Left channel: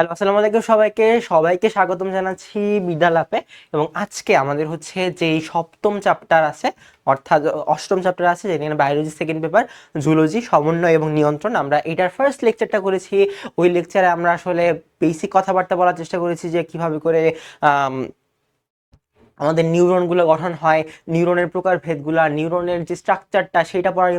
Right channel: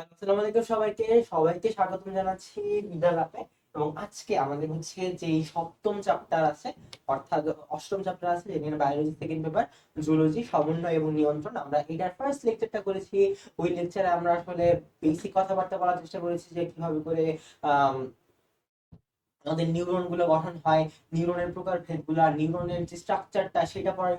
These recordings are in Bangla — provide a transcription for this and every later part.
হ্যালো, আসসালামু আলাইকুম সবাইকে। সবাইকে স্বাগতম জানাচ্ছি বিদ্যালাপে। এবং আজকে আমাদের হচ্ছে যেই সপ্তম চ্যাপ্টার আছে, অর্থাৎ অষ্টম চ্যাপ্টার আছে, যেখানে বায়োলজি সেকেন্ড পেপার জুলজি সমন্বয় এবং নিয়ন্ত্রণ, আমরা এটার ফার্স্ট লেকচারটা করেছি। ওই লেকচারে আমরা আসলে বেসিক কথাবার্তা বলার চেষ্টা করেছি যে কিভাবে করে আমাদের নিউরনগুলো গঠন হয়, নিউরনের প্রকারভেদগুলো, নিউরনের যে স্ট্রাকচারটা সেটা পড়ার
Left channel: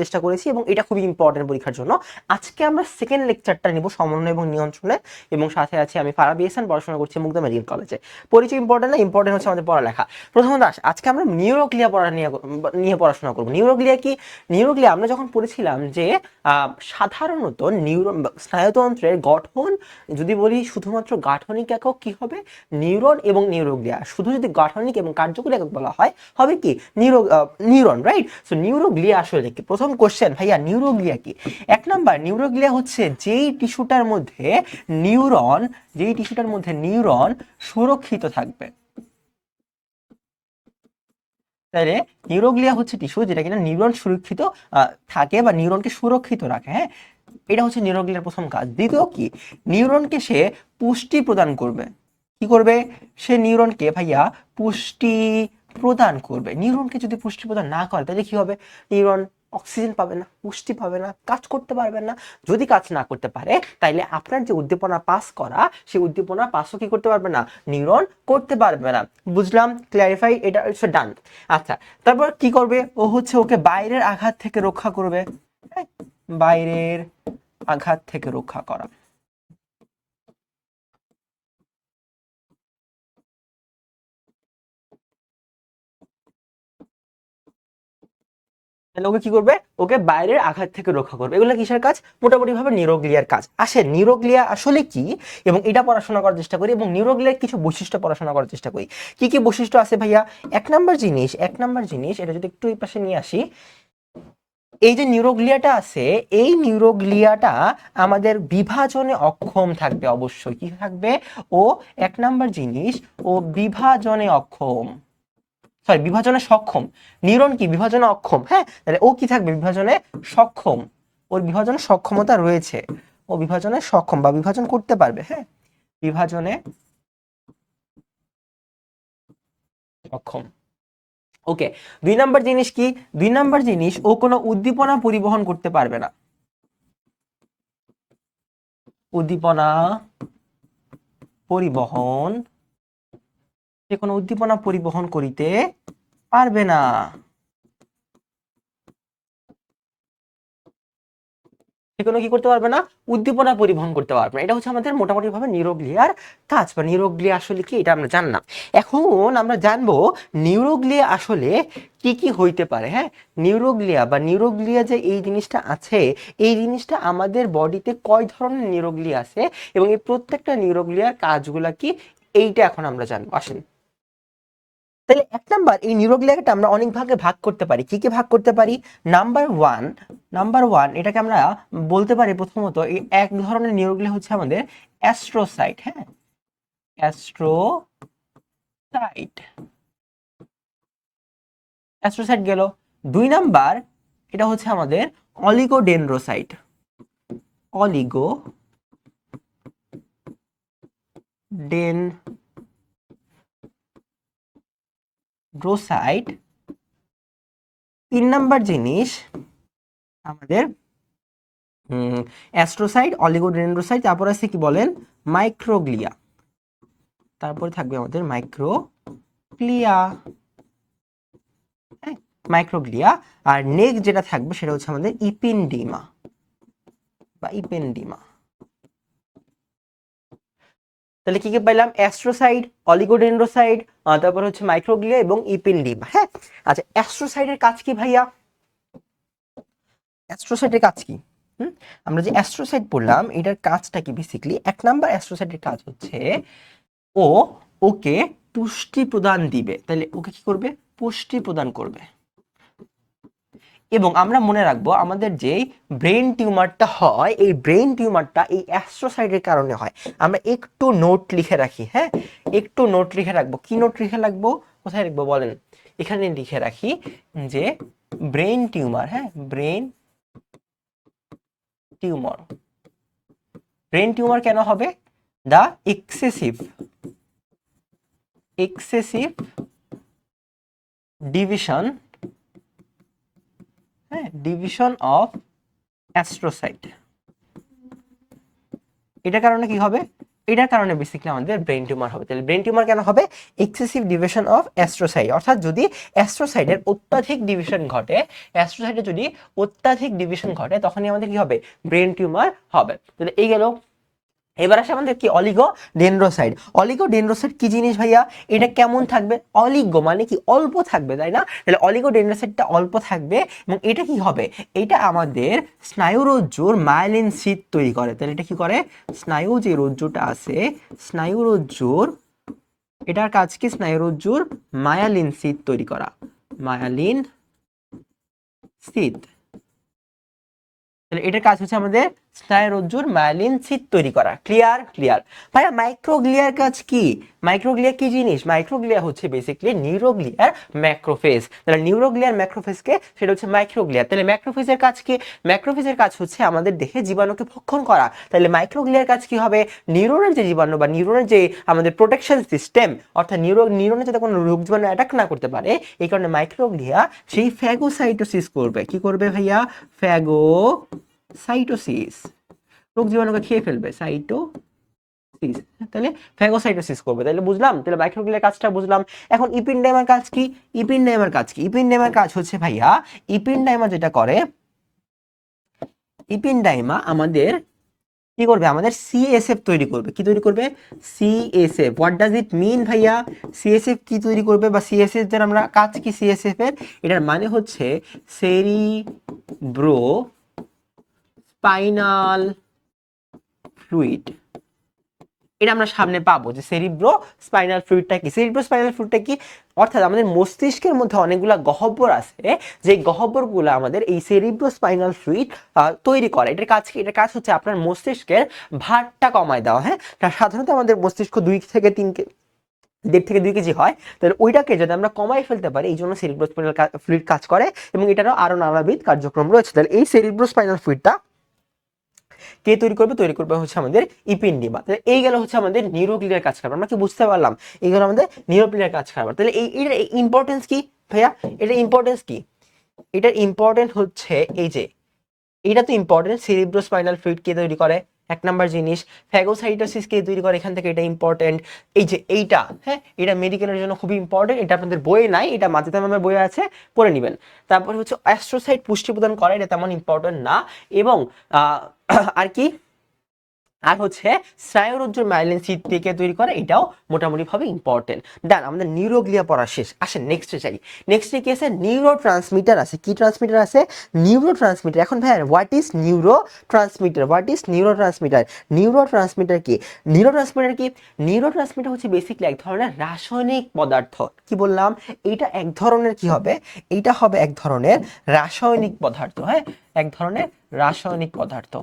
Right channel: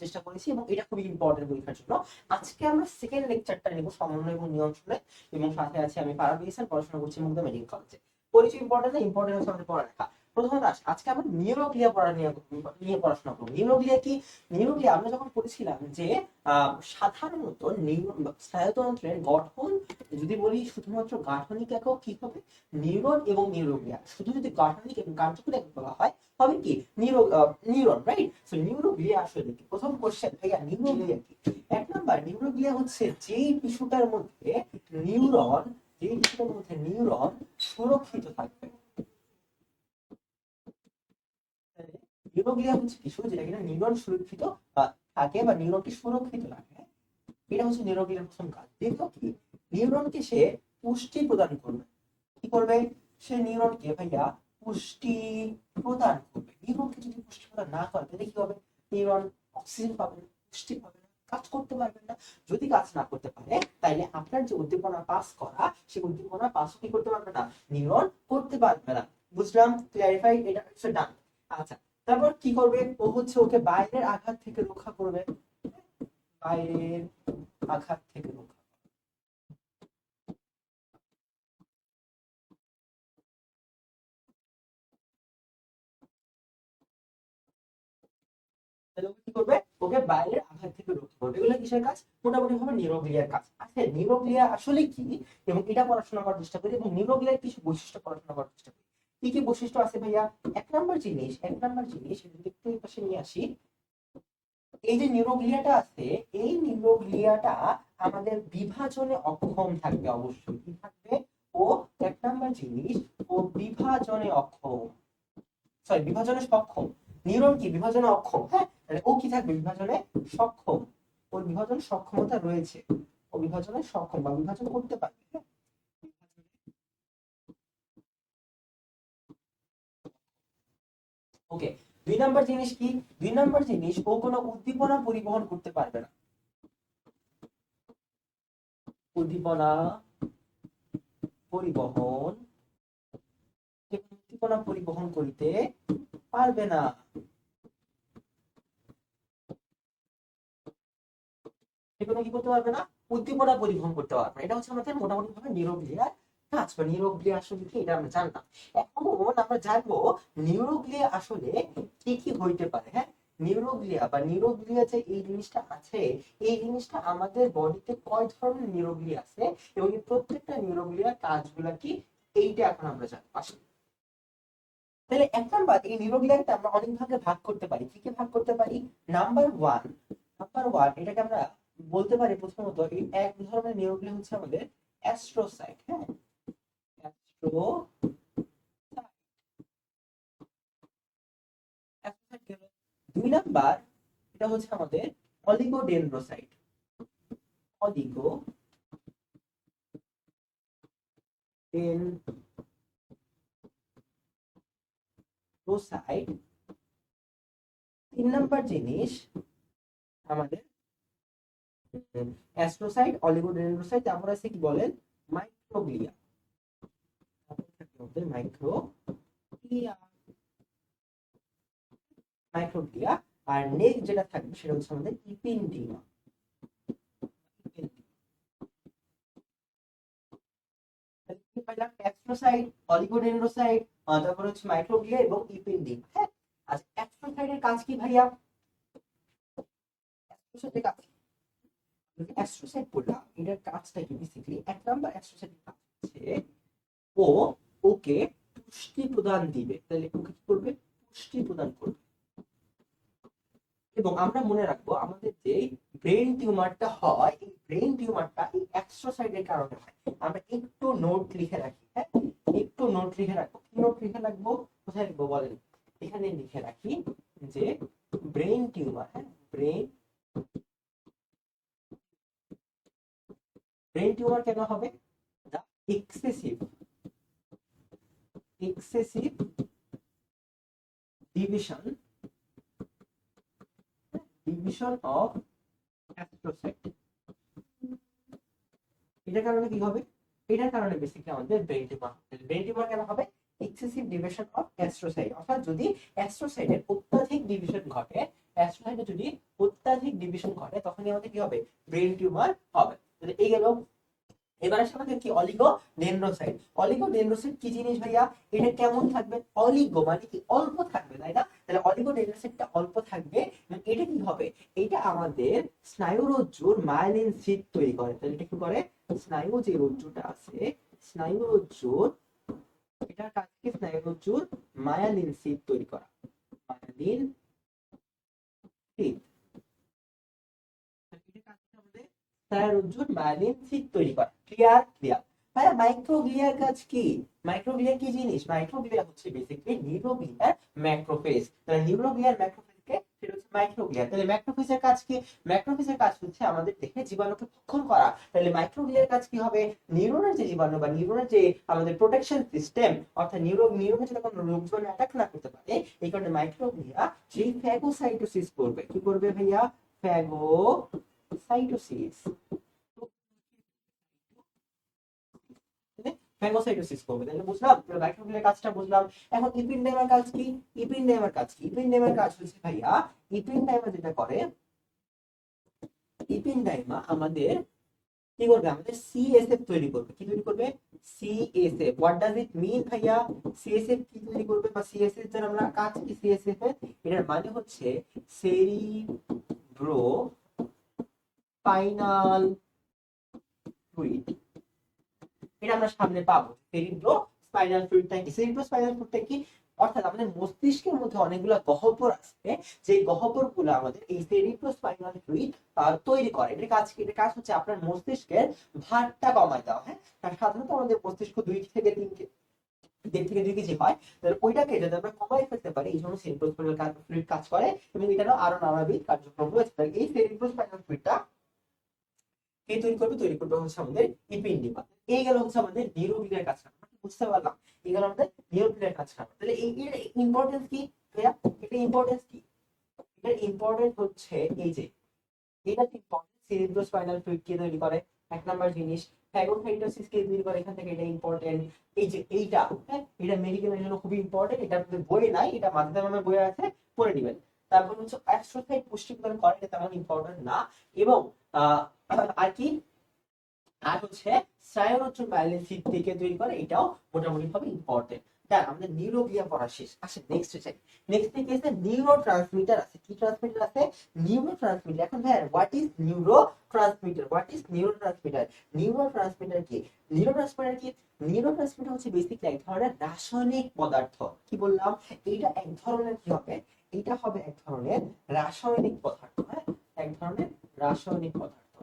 চেষ্টা করেছি, এবং এটা খুবই ইম্পর্টেন্ট পরীক্ষার জন্য। আজকে আমরা সেকেন্ড লেকচারটা নিব সমন্বয় এবং নিয়ন্ত্রণে, এবং সাথে আছে আমি ফারাবি হাসান, পড়াশোনা করছি মুগদা মেডিকেল কলেজে। পরিচয় ইম্পর্টেন্ট না, ইম্পর্টেন্ট হচ্ছে আমাদের পড়ালেখা। প্রথমত আজকে আমরা নিউরোগ্লিয়া পড়া নিয়ে পড়াশোনা করবো। নিউরোগ্লিয়া কি? নিউরোগ্লিয়া আমরা যখন পড়েছিলাম যে সাধারণত স্নায়ুতন্ত্রের গঠন, যদি বলি শুধুমাত্র গাঠনিক একক কি হবে, নিউরন এবং নিউরোগ্লিয়া। শুধু যদি গাঠনিক এবং কার্যকরী একক বলা হয়, হবে কি নিউরন, রাইট? সো নিউরোগ্লিয়া আসলে কি? প্রথম কোশ্চেন, ভাইয়া নিউরোগ্লিয়া কি? এক নাম্বার, নিউরোগ্লিয়া হচ্ছে যেই টিস্যুটার মধ্যে নিউরন সুরক্ষিত থাকবে। তাহলে নিউরোগ্লিয়া হচ্ছে টিস্যু যেটা কিনা নিউরন সুরক্ষিত থাকে বা নিউরনকে সুরক্ষিত রাখে। হ্যাঁ, এটা হচ্ছে নিউরোগ্লিয়ার প্রথম কাজ। দ্বিতীয় কি? নিউরনকে সে পুষ্টি প্রদান করবে। কি করবে? সে নিউরনকে ভাইয়া পুষ্টি প্রদান করবে। নিউরনকে যদি পুষ্টি প্রদান না করে তাহলে কি হবে? নিউরন অক্সিজেন পাবে না, পুষ্টি পাবে না, কাজ করতে পারবে না। যদি কাজ না করতে পারে তাইলে আপনার যে উদ্দীপনা পাস করা, সেই উদ্দীপনা পাসও কি করতে পারবে না? নিউরন করতে পারবে না। বুঝলাম? ক্ল্যারিফাই? এটা হচ্ছে ডান। আচ্ছা, তারপর কি করবে? ও হচ্ছে ওকে বাইরের আঘাত থেকে রক্ষা করবে। বাইরের আঘাত থেকে রক্ষা করা। তাহলে ওকে কি করবে? ওকে বাইরের আঘাত থেকে রক্ষা করবে। এগুলো কিসের কাজ? মোটামুটি ভাবে নিউরোগ্লিয়ার কাজ। আসে নিউরোগ্লিয়া আসলে কি, এবং এটা পড়াশোনা করার চেষ্টা করি, এবং নিউরোগ্লিয়ার কিছু বৈশিষ্ট্য পড়াশোনা করার চেষ্টা করি। কি কি বৈশিষ্ট্য আছে ভাইয়া? এক নাম্বার জিনিস এটা যদি একটু এই পাশে নিয়ে আসি, এই যে নিউরোগ্লিয়াটা আছে, এই নিউরোগ্লিয়াটা আমাদের বিভাজনে অক্ষম থাকবে। অবশ্যই কি থাকবে? ও এক নাম্বার জিনিস, ও বিভাজনে অক্ষম, সরি বিভাজনে সক্ষম। নিউরন কি বিভাজনে অক্ষম? হ্যাঁ, তাহলে ও কি থাকবে? বিভাজনে সক্ষম। ওর বিভাজনে সক্ষমতা রয়েছে, ও বিভাজনে সক্ষম বা বিভাজন করতে পারবে। হ্যাঁ, বিভাজনে সক্ষম। ওকে। দুই নাম্বার জিনিস কি? দুই নাম্বার জিনিস, ও কোনো উদ্দীপনা পরিবহন করতে পারবে না। উদ্দীপনা পরিবহন, সে কোনো উদ্দীপনা পরিবহন করিতে পারবে না। সে কোনো কি করতে পারবে না? উদ্দীপনা পরিবহন করতে পারবে না। এটা হচ্ছে আমাদের মোটামুটি ভাবে নিউরোগ্লিয়ার কাজ, বা নিউরোগ্লিয়া আসলে কি এটা আমরা জানলাম। এখন আমরা জানবো নিউরোগ্লিয়া আসলে কি কি হইতে পারে। হ্যাঁ, নিউরোগ্লিয়া যে এই জিনিসটা আছে, এই জিনিসটা আমাদের বডিতে কয় ধরনের নিউরোগ্লিয়া আছে, এবং এই প্রত্যেকটা নিউরোগ্লিয়ার কাজগুলা কি, এইটা এখন আমরা জানবো। আসেন, তাহলে এক নাম্বার, এই নিউরোগ্লিয়াকে আমরা অনেক ভাগে ভাগ করতে পারি। কি কি ভাগ করতে পারি? নাম্বার ওয়ান এটাকে আমরা বলতে পারি, প্রথমত এই এক ধরনের নিউরোগ্লিয়া হচ্ছে আমাদের অ্যাস্ট্রোসাইট। হ্যাঁ, অ্যাস্ট্রোসাইট, অ্যাস্ট্রোসাইট গেল। দুই নাম্বার, এটা হচ্ছে আমাদের অলিগোডেন্ড্রোসাইট। অলিগোডেন্ড্রোসাইট। তিন নাম্বার জিনিস আমাদের অ্যাস্ট্রোসাইট, অলিগোডেন্ড্রোসাইট, তারপর আছে কি বলেন? মাইক্রোগ্লিয়া। তারপরে থাকবে আমাদের মাইক্রোগ্লিয়া। হ্যাঁ, মাইক্রোগ্লিয়া। আর নেক্সট যেটা থাকবে সেটা হচ্ছে আমাদের ইপিনডিমা বা ইপেন্ডিমা। তাহলে কি কি পাইলাম? অ্যাস্ট্রোসাইট, অলিগোডেন্ড্রোসাইট, তারপর হচ্ছে মাইক্রোগ্লিয়া এবং ইপেন্ডিমা। হ্যাঁ, আচ্ছা, অ্যাস্ট্রোসাইটের কাজ কি ভাইয়া? অ্যাস্ট্রোসাইটের কাজ কি? আমরা যে অ্যাস্ট্রোসাইট পড়লাম, এটার কাজটা কি? বেসিক্যালি এক নাম্বার অ্যাস্ট্রোসাইটের কাজ হচ্ছে ও ওকে পুষ্টি প্রদান দিবে। তাহলে ওকে কি করবে? পুষ্টি প্রদান করবে। এবং আমরা মনে রাখবো, আমাদের যে ব্রেন টিউমারটা হয়, এই ব্রেন টিউমারটা এই অ্যাস্ট্রোসাইটের কারণে হয়। আমরা একটু নোট লিখে রাখি। হ্যাঁ, একটু নোট লিখে রাখবো। কি নোট লিখে রাখবো? কোথায় লিখবো বলেন? এখানে লিখে রাখি যে ব্রেন টিউমার। হ্যাঁ, ব্রেন টিউমার কেন হবে? দ্য এক্সেসিভ ডিভিশন, হ্যাঁ, ডিভিশন অফ অ্যাস্ট্রোসাইট। এটার কারণে কি হবে? এটার কারণে বেসিক্যালি আমাদের ব্রেন টিউমার হবে। তাহলে ব্রেন টিউমার কেন হবে? এক্সেসিভ ডিভিশন অফ অ্যাস্ট্রোসাইট, অর্থাৎ যদি অ্যাস্ট্রোসাইটের অত্যাধিক ডিভিশন ঘটে, অ্যাস্ট্রোসাইটের যদি অত্যাধিক ডিভিশন ঘটে, তখনই আমাদের কি হবে? ব্রেন টিউমার হবে। তাহলে এই গেল। এবার আসে আমাদের কি অলিগোডেন্ড্রোসাইট। অলিগোডেন্ড্রোসাইট কি জিনিস ভাইয়া? এটা কেমন থাকবে? অলিগো মানে কি? অল্প থাকবে, তাই না? তাহলে অলিগোডেন্ড্রোসাইটটা অল্প থাকবে এবং এটা কি হবে? এটা আমাদের স্নায়ুরজ্জুর মায়োলিন শীথ তৈরি করে। তাহলে এটা কি করে? স্নায়ু যে রজ্জুটা আছে, স্নায়ুরজ্জুর, এটার কাজ কি? স্নায়ুরজ্জুর মায়োলিন শীথ তৈরি করা, মায়োলিন শীথ। তাহলে এটার কাজ হচ্ছে আমাদের স্নায়ুরজ্জুর মায়োলিন শীথ তৈরি করা। ক্লিয়ার? ক্লিয়ার। ভাইয়া মাইক্রোগ্লিয়ার কাজ কি? মাইক্রোগ্লিয়া কি জিনিস? মাইক্রোগ্লিয়া হচ্ছে বেসিক্যালি নিউরোগ্লিয়ার ম্যাক্রোফেজ। তাহলে নিউরোগ্লিয়ার ম্যাক্রোফেজকে সেটা হচ্ছে মাইক্রোগ্লিয়া। তাহলে ম্যাক্রোফেজের কাজ কি? ম্যাক্রোফেজের কাজ হচ্ছে আমাদের দেহে জীবাণুকে ভক্ষণ করা। তাহলে মাইক্রোগ্লিয়ার কাজ কি হবে? নিউরনের যে জীবাণু বা নিউরনের যে আমাদের প্রোটেকশন সিস্টেম, অর্থাৎ নিউরনে যাতে কোনো রোগ জীবাণু অ্যাটাক না করতে পারে, এই কারণে মাইক্রোগ্লিয়া সেই ফ্যাগোসাইটোসিস করবে। কি করবে ভাইয়া? ফ্যাগোসাইটোসিস, রোগ জীবাণুকে খেয়ে ফেলবে, সাইটোসিস। তাহলে ফ্যাগোসাইটোসিস করবে। তাহলে বুঝলাম, তাহলে মাইক্রোগ্লিয়ার কাজটা বুঝলাম। এখন ইপিনডাইমার কাজ কি? ইপিনডাইমার কাজ কি? ইপিনডাইমার কাজ হচ্ছে ভাইয়া, ইপিনডাইমা যেটা করে, ইপিনডাইমা আমাদের কি করবে? আমাদের সিএসএফ তৈরি করবে। কি তৈরি করবে? সিএসএফ। হোয়াট ডাজ ইট মিন ভাইয়া? সিএসএফ কি তৈরি করবে বা সিএসএফ এর আমরা কাজ কি? সিএসএফ এর এটার মানে হচ্ছে সেরিব্রো স্পাইনাল ফ্লুইড। এটা আমরা সামনে পাবো যে সেরিব্রো স্পাইনাল ফ্লুইডটা কি। সেরিব্রো স্পাইনাল ফ্লুইডটা কি? অর্থাৎ আমাদের মস্তিষ্কের মধ্যে অনেকগুলা গহ্বর আছে, যে গহ্বরগুলো আমাদের এই সেরিব্রো স্পাইনাল ফ্লুইড তৈরি করে। এটার কাজ কি? এটার কাজ হচ্ছে আপনার মস্তিষ্কের ভারটা কমায় দেওয়া। হ্যাঁ, সাধারণত আমাদের মস্তিষ্ক 1.5 থেকে 2 কেজি হয়। তাহলে ওইটাকে যদি আমরা কমাই ফেলতে পারি, এই জন্য সেরিব্রো স্পাইনাল ফ্লুইড কাজ করে এবং এটারও আরো নানাবিধ কার্যক্রম রয়েছে। তাহলে এই সেরিব্রো স্পাইনাল ফ্লুইডটা কে তৈরি করবে? তৈরি করবে হচ্ছে আমাদের ইপিনডিমা। তাহলে এই গেল হচ্ছে আমাদের নিউরোগ্লিয়ার কাজ কারবার। আমরা কি বুঝতে পারলাম? এই গেল আমাদের নিউরোগ্লিয়ার কাজ কারবার। তাহলে এটার ইম্পর্টেন্স কি ভাইয়া? এটার ইম্পর্টেন্স কি? এটার ইম্পর্টেন্ট হচ্ছে এই যে, এটা তো ইম্পর্টেন্ট, সেরিব্রোস্পাইনাল ফ্লুইড কে তৈরি করে, এক নাম্বার জিনিস। ফ্যাগোসাইটোসিস কে তৈরি করে, এখান থেকে এটা ইম্পর্টেন্ট। এই যে এইটা, হ্যাঁ, এটা মেডিকেলের জন্য খুবই ইম্পর্টেন্ট। এটা আপনাদের বইয়ে নাই, এটা মাঝে আমার বইয়ে আছে, পড়ে নেবেন। তারপরে হচ্ছে অ্যাস্ট্রোসাইট পুষ্টি প্রদান করে, এটা তেমন ইম্পর্টেন্ট না। এবং আর কি, আর হচ্ছে স্নায়ুরজ্জুর মাইলিন শীথকে তৈরি করে, এটাও মোটামুটি ভাবে ইম্পর্টেন্ট। ডান, আমাদের নিউরোগ্লিয়া পড়া শেষ। আসেন নেক্সটে যাই। নেক্সটে কি আছে? নিউরো ট্রান্সমিটার আছে। কি ট্রান্সমিটার আছে? Neuro transmitter. এখন ভাই what is neuro transmitter? What is neuro transmitter? Neuro transmitter কি? নিউরো ট্রান্সমিটার কি? নিউরো ট্রান্সমিটার হচ্ছে বেসিক্যালি এক ধরনের রাসায়নিক পদার্থ। কি বললাম? এইটা এক ধরনের কি হবে? এইটা হবে এক ধরনের রাসায়নিক পদার্থ। হ্যাঁ, এক ধরনের রাসায়নিক পদার্থ।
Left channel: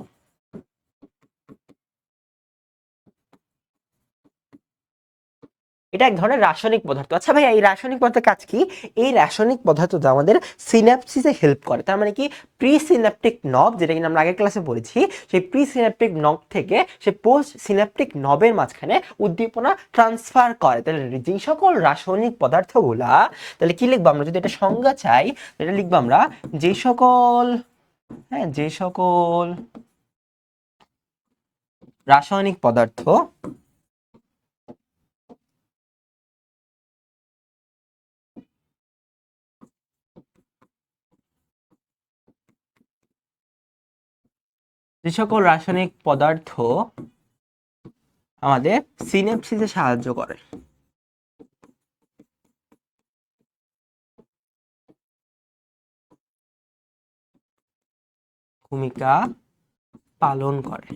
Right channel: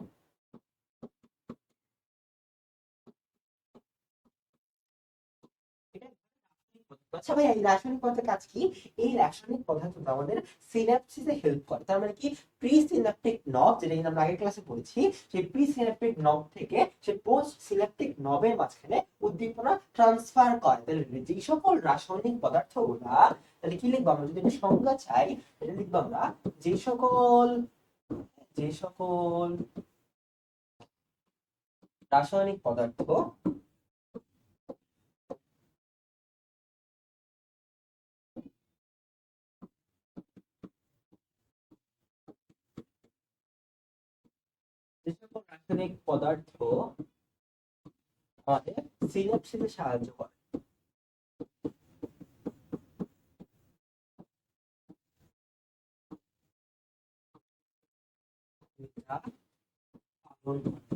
এটা এক ধরনের রাসায়নিক পদার্থ। আচ্ছা ভাই, এই রাসায়নিক পদার্থের কাজ কি? এই রাসায়নিক পদার্থটা আমাদের সিনাপসিসে হেল্প করে। তার মানে কি? প্রি সিনাপটিক নব, যেটা কিনা আমরা আগের ক্লাসে পড়েছি, সেই প্রি সিনাপটিক নব থেকে সে পোস্ট সিনাপটিক নবের মাঝখানে উদ্দীপনা ট্রান্সফার করে। তাহলে যে সকল রাসায়নিক পদার্থগুলা, তাহলে কি লিখবো আমরা? যদি এটা সংজ্ঞা চাই, এটা লিখবো আমরা যে সকল, হ্যাঁ, যে সকল রাসায়নিক পদার্থ, যে সকল রাসায়নিক পদার্থ আমাদের সিনাপসিসে সাহায্য করে, ভূমিকা পালন করে।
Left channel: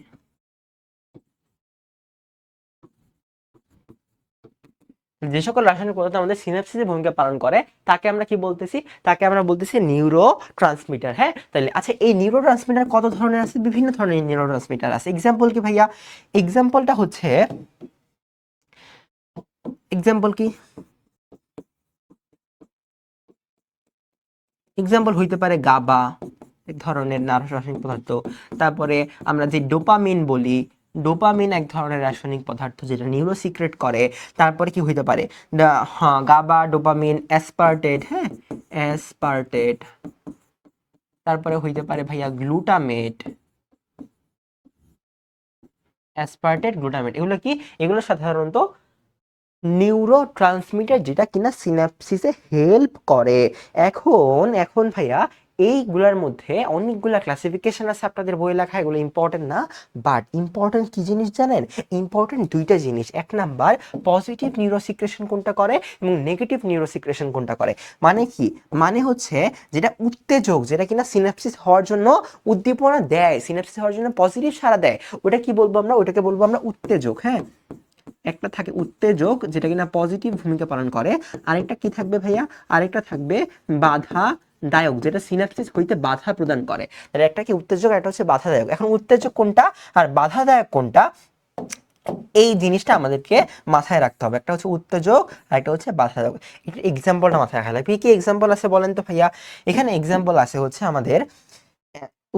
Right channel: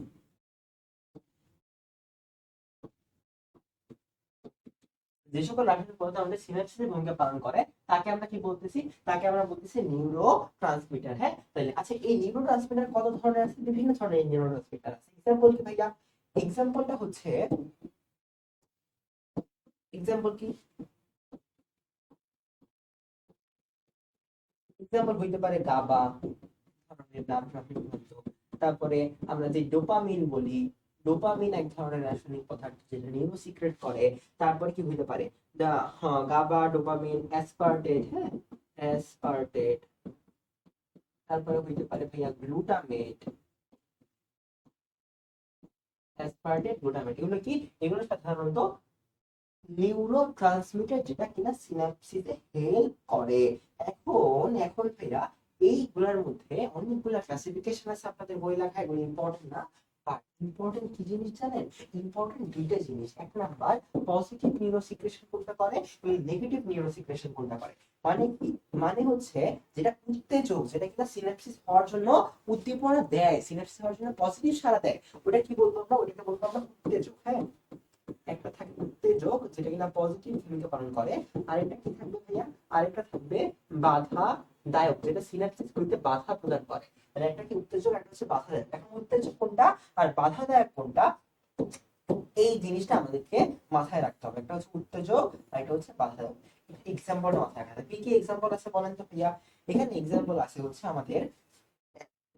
যে সকল রাসায়নিক পদার্থ আমাদের সিনাপসিসে ভূমিকা পালন করে, তাকে আমরা কি বলতেছি? তাকে আমরা বলতেছি নিউরো ট্রান্সমিটার। হ্যাঁ, তাহলে আচ্ছা, এই নিউরো ট্রান্সমিটার কত ধরনের আছে? বিভিন্ন ধরনের নিউরো ট্রান্সমিটার আছে। এক্সাম্পল কি ভাইয়া? এক্সাম্পলটা হচ্ছে, এক্সাম্পল কি? এক্সাম্পল হইতে পারে গাবা, এক ধরনের রাসায়নিক পদার্থ। তারপরে আমরা যে ডোপামিন বলি, ডোপামিন এক ধরনের রাসায়নিক পদার্থ যেটা নিউরো সিক্রেট করে। তারপরে কি হইতে পারে, হ্যাঁ গাবা, ডোপামিন, অ্যাসপার্টেট, হ্যাঁ অ্যাসপার্টেট, তারপরে হইতে পারে ভাইয়া গ্লুটামেট, অ্যাসপার্টেট, গ্লুটামেট, এগুলো কি, এগুলো সাধারণত নিউরো ট্রান্সমিটার যেটা কিনা সিনাপসিসে হেল্প করে। এখন এখন ভাইয়া এইগুলার মধ্যে অনেকগুলা ক্লাসিফিকেশন আছে আপনাদের বই লেখা, এগুলো ইম্পর্টেন্ট না, বাট ইম্পর্টেন্ট কি জিনিস জানেন, ইম্পর্টেন্ট দুইটা জিনিস। এক নাম্বার পজিটিভ নিউরোসিক্রেশন কোনটা করে এবং নেগেটিভ নিউরোসিক্রেশন কোনটা করে। মানে কি, মানে হচ্ছে যেটা উত্তেজক, যেটা কিনা সিনাপসিস হওয়ার জন্য উদ্দীপনা দেয়, সিনাপসিস হওয়ার জন্য পজিটিভ সাড়া দেয়, ওটা কি বলবো আমরা, ওটাকে বলবো আমরা উত্তেজক। হ্যাঁ, একটা থাকে উত্তেজক যেটা কিনা পজিটিভ ভূমিকা পালন করে, আরেকটা কি থাকবে ভাইয়া, আরেকটা থাকবে বাধা দায়ক, যেটা সিনাপসিস হইতে বাধা প্রদান করে। তাহলে একটা কি উত্তেজক, একটা হচ্ছে বাধাদায়ক। এখন উত্তেজক কোনটা আর বাধাদায়ক কোনটা, এই জিনিসটা আমাদেরকে মাথায় রাখতে হবে। একটা হচ্ছে উত্তেজক আর একটা হচ্ছে বাধাদায়ক। এটা এক্সাম্পলটা মাথায় রাখা লাগবে। কি এক্সাম্পল আছে বলেন তো ভাইয়া, এখানে এক্সাম্পল আছে হচ্ছে আমাদের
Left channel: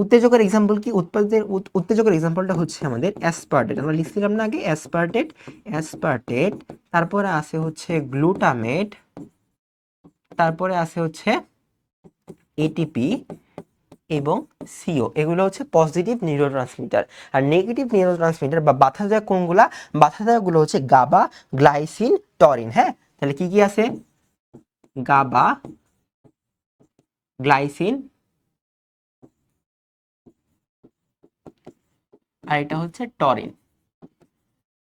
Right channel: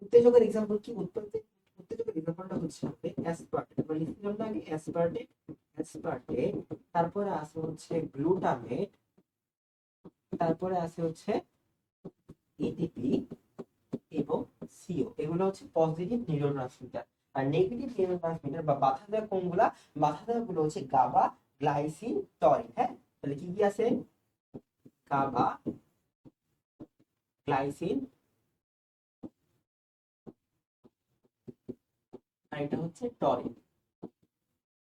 উত্তেজকের এক্সাম্পল কি, উত্তেজকের এক্সাম্পলটা হচ্ছে আমাদের অ্যাসপার্টেট, আমরা লিখছিলাম না আগে অ্যাসপার্টেট, অ্যাসপার্টেট, তারপরে আছে হচ্ছে গ্লুটামেট, তারপরে আছে হচ্ছে এটিপি এবং সিও, এগুলো হচ্ছে পজিটিভ নিউরোট্রান্সমিটার। আর নেগেটিভ নিউরোট্রান্সমিটার বা বাধাদায়ক কোনগুলা, বাধাদায়কগুলো হচ্ছে গাবা, গ্লাইসিন, টরিন। হ্যাঁ, তাহলে কি কি আছে, গাবা, গ্লাইসিন, আর এটা হচ্ছে টরিন।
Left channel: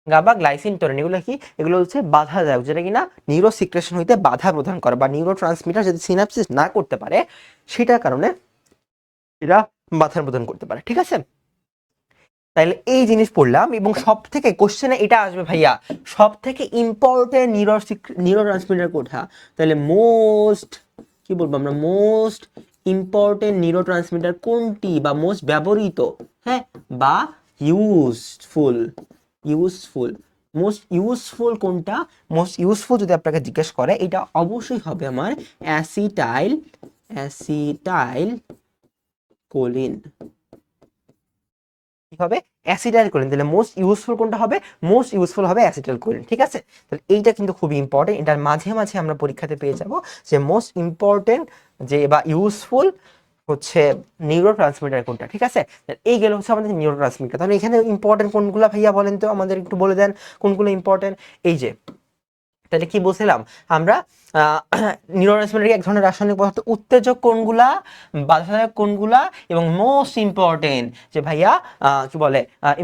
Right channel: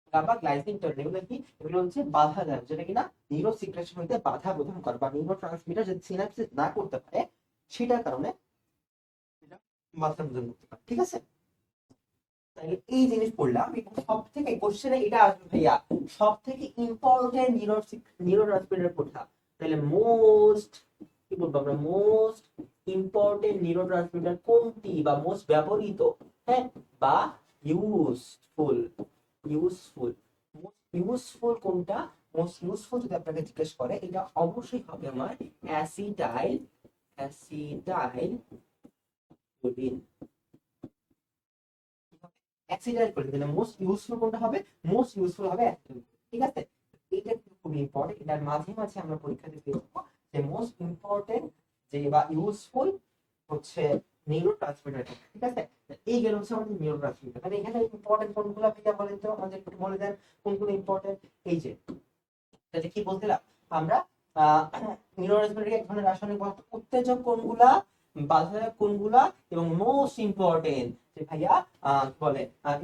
গাবা, গ্লাইসিন, টরিন, এগুলো কি, এগুলো হচ্ছে বাধাদায়ক, যেটা কিনা নিউরো সিক্রেশন হইতে বাধা প্রদান করে, বা নিউরো ট্রান্সমিটার যদি সিনাপসিস না করতে পারে সেটার কারণে এরা বাধা প্রদান করতে পারে। ঠিক আছে, তাইলে এই জিনিস পড়লাম। এবং সব থেকে কোশ্চেনে এটা আসবে ভাইয়া, সব থেকে ইম্পর্টেন্ট নিউরো ট্রান্সমিটার কোনটা, তাহলে মোস্ট, কি বলবো আমরা, মোস্ট ইম্পর্টেন্ট নিউরো ট্রান্সমিটার কোনটি, বা মোস্ট ব্যবহৃত, হ্যাঁ, বা ইউজফুল, ইউজফুল, মোস্ট ইউজফুল কোনটা, মোস্ট ইউজফুল যদি আপনাকে জিজ্ঞেস করে এটা অবশ্যই হবে আমার অ্যাসিটাইল, অ্যাসিটাইল কোলিন, কি হবে, অ্যাসিটাইল কোলিন। তাহলে মোস্ট ইউজফুল কোনটা হবে, মোস্ট ইউজফুল হবে অ্যাসিটাইল কোলিন। ঠিক আছে, তাহলে এইটা কিন্তু খুবই ইম্পর্টেন্ট, এটার মাঝে মাঝে আমরা পরীক্ষাতে পেয়ে যাব যে মোস্ট ইম্পর্টেন্ট যে বা ইউজফুল হচ্ছে নিউরো ট্রান্সমিটার কোনটা। ঠিক আছে, এই গেল হচ্ছে আমাদের নিউরো ট্রান্সমিটার। তাহলে এখানে ইম্পর্টেন্ট কোনগুলো ভাইয়া বলেন তো, আমাদের একটু বলে দেন কোনগুলো ইম্পর্টেন্ট। এই যে, তাহলে কি বলছিলাম আমরা, নিউরোট্রান্সমিটার এক ধরনের রাসায়নিক পদার্থ, উত্তেজক কোনগুলা, বাধাদায়ক কোনগুলা, এবং মোস্ট ইম্পর্টেন্ট যে ভাইয়া কি বলে,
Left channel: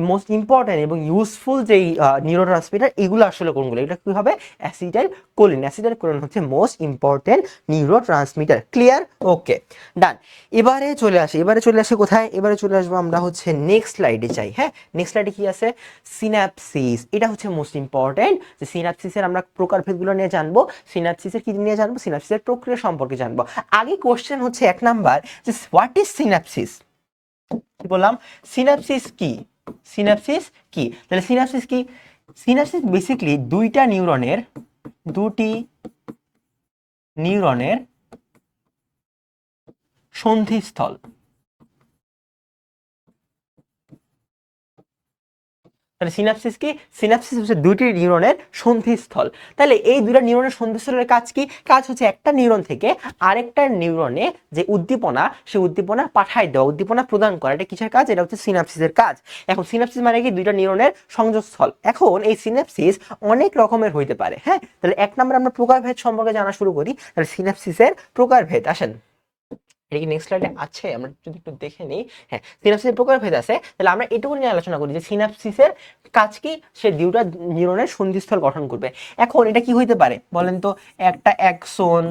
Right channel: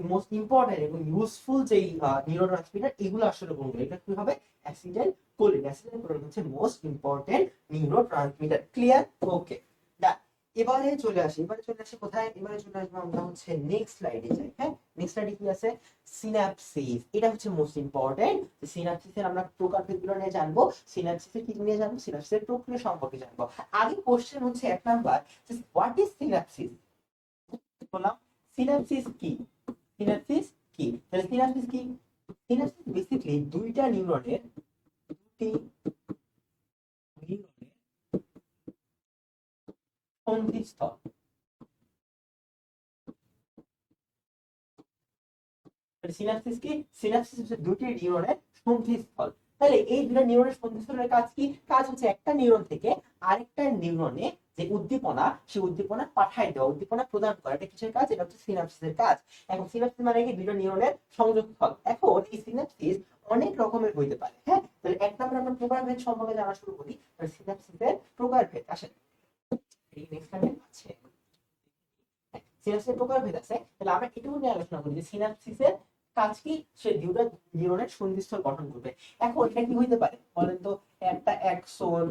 মোস্ট ইম্পর্টেন্ট এবং ইউজফুল যেই নিউরোট্রান্সমিটার, এগুলো আসলে কোনগুলো, এটা কি হবে, অ্যাসিটাইল কোলিন। অ্যাসিটাইল কোলিন হচ্ছে মোস্ট ইম্পর্টেন্ট নিউরোট্রান্সমিটার। ক্লিয়ার, ওকে, ডান। এবারে চলে আসি কোথায়, এবারে চলে আসবো আমরা হচ্ছে নেক্সট স্লাইডে চাই। হ্যাঁ, নেক্সট স্লাইডে কি আছে, সিনাপসিস, এটা হচ্ছে মোস্ট ইম্পর্টেন্ট, যে সিনাপসিসের আমরা প্রকারভেদগুলো নিয়ে জানবো, সিনাপসিসের কি নিয়ে জানবো, সিনাপসিসের প্রক্রিয়া সম্পর্কে জানবো। আগে কোশ্চেন হচ্ছে এক নাম্বার, যে হোয়াট ইজ সিনাপসিস, কি বললাম, সিনাপসিস কি, সিনাপসিস কি, তাহলে সিনাপসিস কি, সিনাপসিস বেসিক্যালি দুটি নিউরনের সন্ধিস্থল। তাহলে সিনাপসিস কি, সিনাপসিস হচ্ছে দুইটি নিউরনের সন্ধিস্থল। তাহলে এই দুইটা নিউরনের সন্ধিস্থলের কাজ কি, কাজ হচ্ছে একটা নিউরন থেকে আরেকটা নিউরনে যে উদ্দীপনা, সেই উদ্দীপনা পাঠায় দেওয়া, উদ্দীপনা প্রদান করা, এটা কিসের কাজ, এটা হচ্ছে সিনাপসিসের কাজ। এখন সিনাপসিস মানে কি, দুইটা নিউরনের সংযোগস্থল। এখন এই সিনাপসিস অনেক রকমের হইতে পারে। হ্যাঁ, তাহলে এক নম্বরে আমরা প্রকারভেদ সম্পর্কে জানা শুরু করি। তাহলে সিনাপসিসের প্রকারভেদ, আসেন এটা কি নেক্সট স্লাইডে আছে, আমরা যদি একটু দেখে নিই। হ্যাঁ, সিনাপসিসের প্রকারভেদ আছে, তাহলে আমরা এটুকু নিয়ে আলোচনা করি যে সিনাপসিসের কাজ কি, সে দুইটা নিউরনের সন্ধিস্থল গঠন করবে। এখন এটা কি হইতে পারে বলেন তো, একটা অ্যাক্সন,